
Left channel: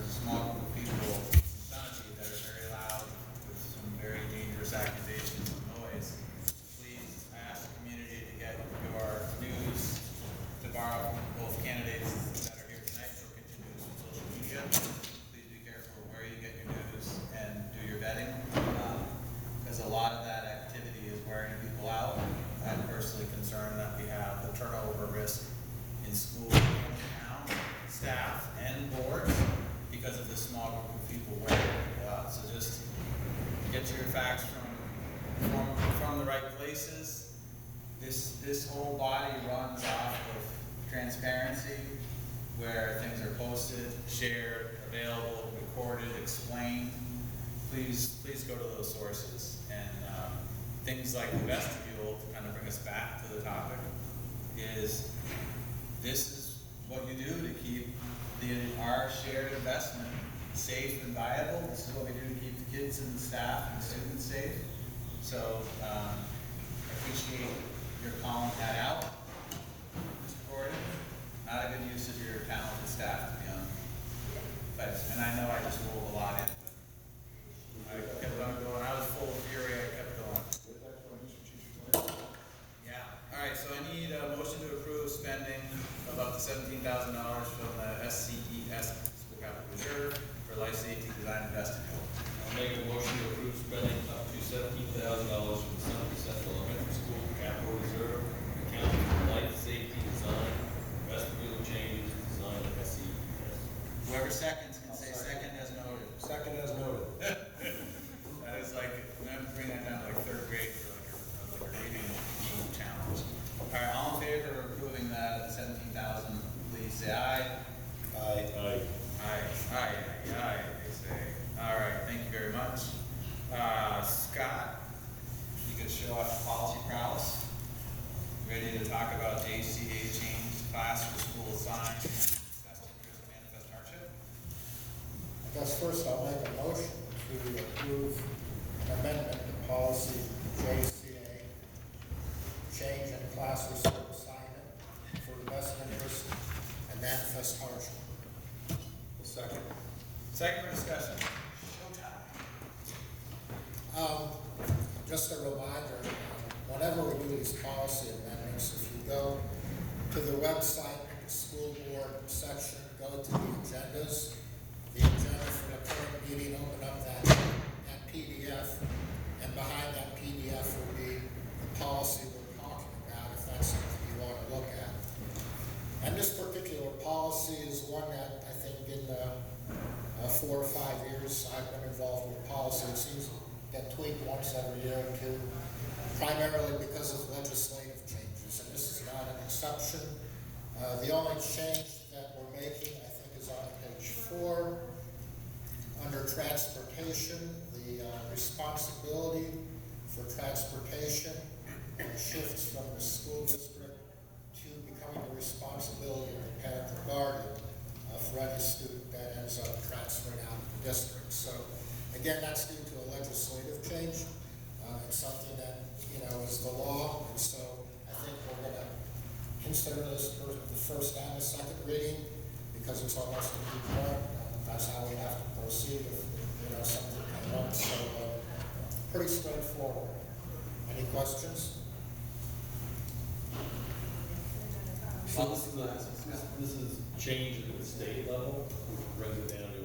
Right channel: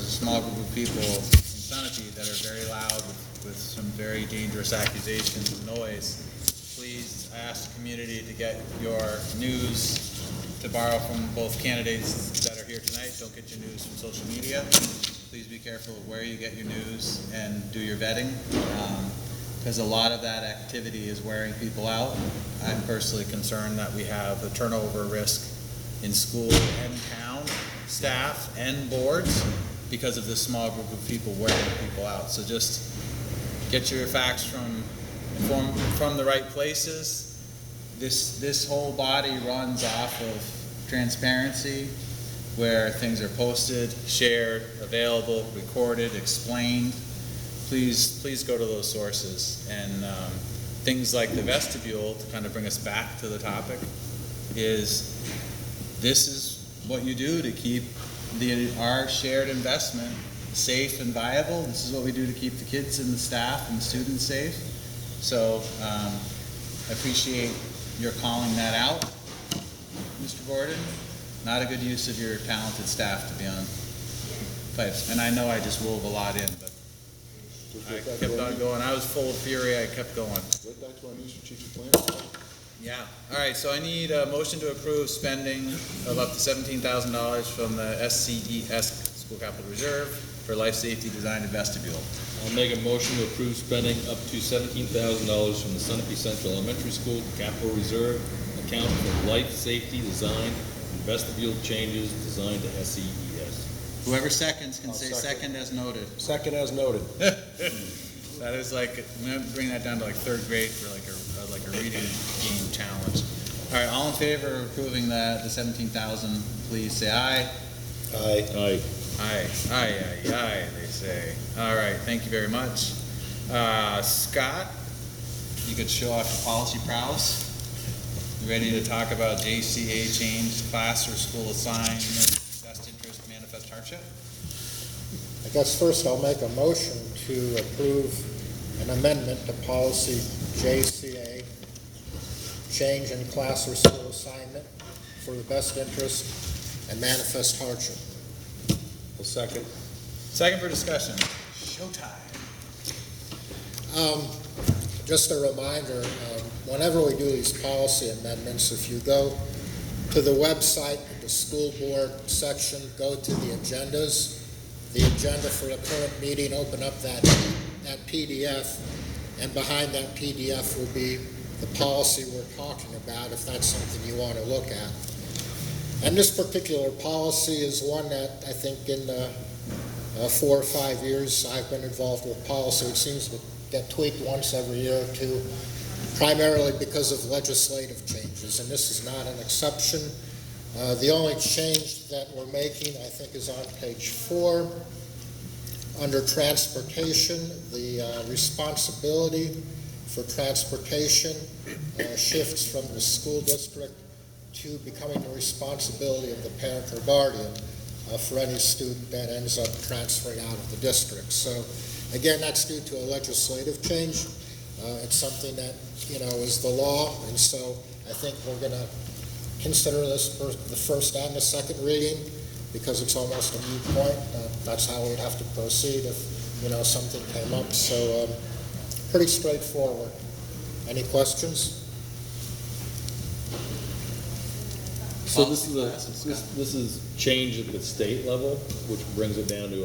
small group of people in Sunapee that are very loud with some very dangerous accusations and noise. Please, I ask the community to get your news, to borrow from both candidates that are here tonight. Don't get your news from social media. Please be careful of where you get your news and do your vetting, because a lot of that activity is wearing people out. I'm personally concerned that we have a turnover risk in school and town staff and boards because of this small group of people wearing people out. So just get your facts from the right places. This whole body runs off of transparency, where things are posted, shared, available, recorded, explained. Please go to those sources. And things like the vestibule, to kind of bring us back to the topic, is this is what you do to keep our shared investment safe and viable. This is what we do to keep the kids and the staff and the students safe. So I appreciate your calling that out, Mr. Gordon. Not a good use of your talented staff to be on pipes. And I know I just wove a lot in, but I kept on going. I was full of fury. I kept going. Right back to our new strategic plan. Yeah. All right. So I need a motion to approve spending of up to $17,000 from the SCES School Capital Reserve for life safety design and vestibule. I'll make a motion to approve spending up to $17,000 from the Sunapee Central Elementary School Capital Reserve account for life safety design and vestibule changes designed to SCES. Whoever seconds can I'll say second. second as noted. Second as noted. That is like, I'm gonna bring that down to like third grade for like a reading game challenge. All right, all in favor of approving the 17,000, please say aye. Aye. Aye. Aye, they say. All right, thank you very much. Scott, you could show off your policy prowess. You ready to talk about JCA change, class or school assignment, best interest, manifest hardship? I guess first I'll make a motion to approve an amendment to policy JCA, change in class or school assignment for the best interest and manifest hardship. I'll second. Second for discussion. Showtime. Just a reminder, whenever we do these policy amendments, if you go to the website, the school board section, go to the agendas, the agenda for the current meeting, open up that PDF, and behind that PDF will be the policy we're talking about, if that's something you want to look at. And this particular policy is one that I think in 4 or 5 years I've been involved with policy. It seems to get tweaked once every year or two, primarily because of legislative changes, and this is not an exception. The only change that we're making, I think, is on page 4. Under transportation, the responsibility for transportation shifts from the school district to becoming the responsibility of the parent or guardian for any student that ends up transferring out of the district. So again, that's due to a legislative change. It's something that, is the law, and so I think we're going to consider this for the first and the second reading because it's almost a moot point. That's how we'd have to proceed if, something came up. So pretty straightforward. Any questions? So this is this is change at the state level, which brings it down to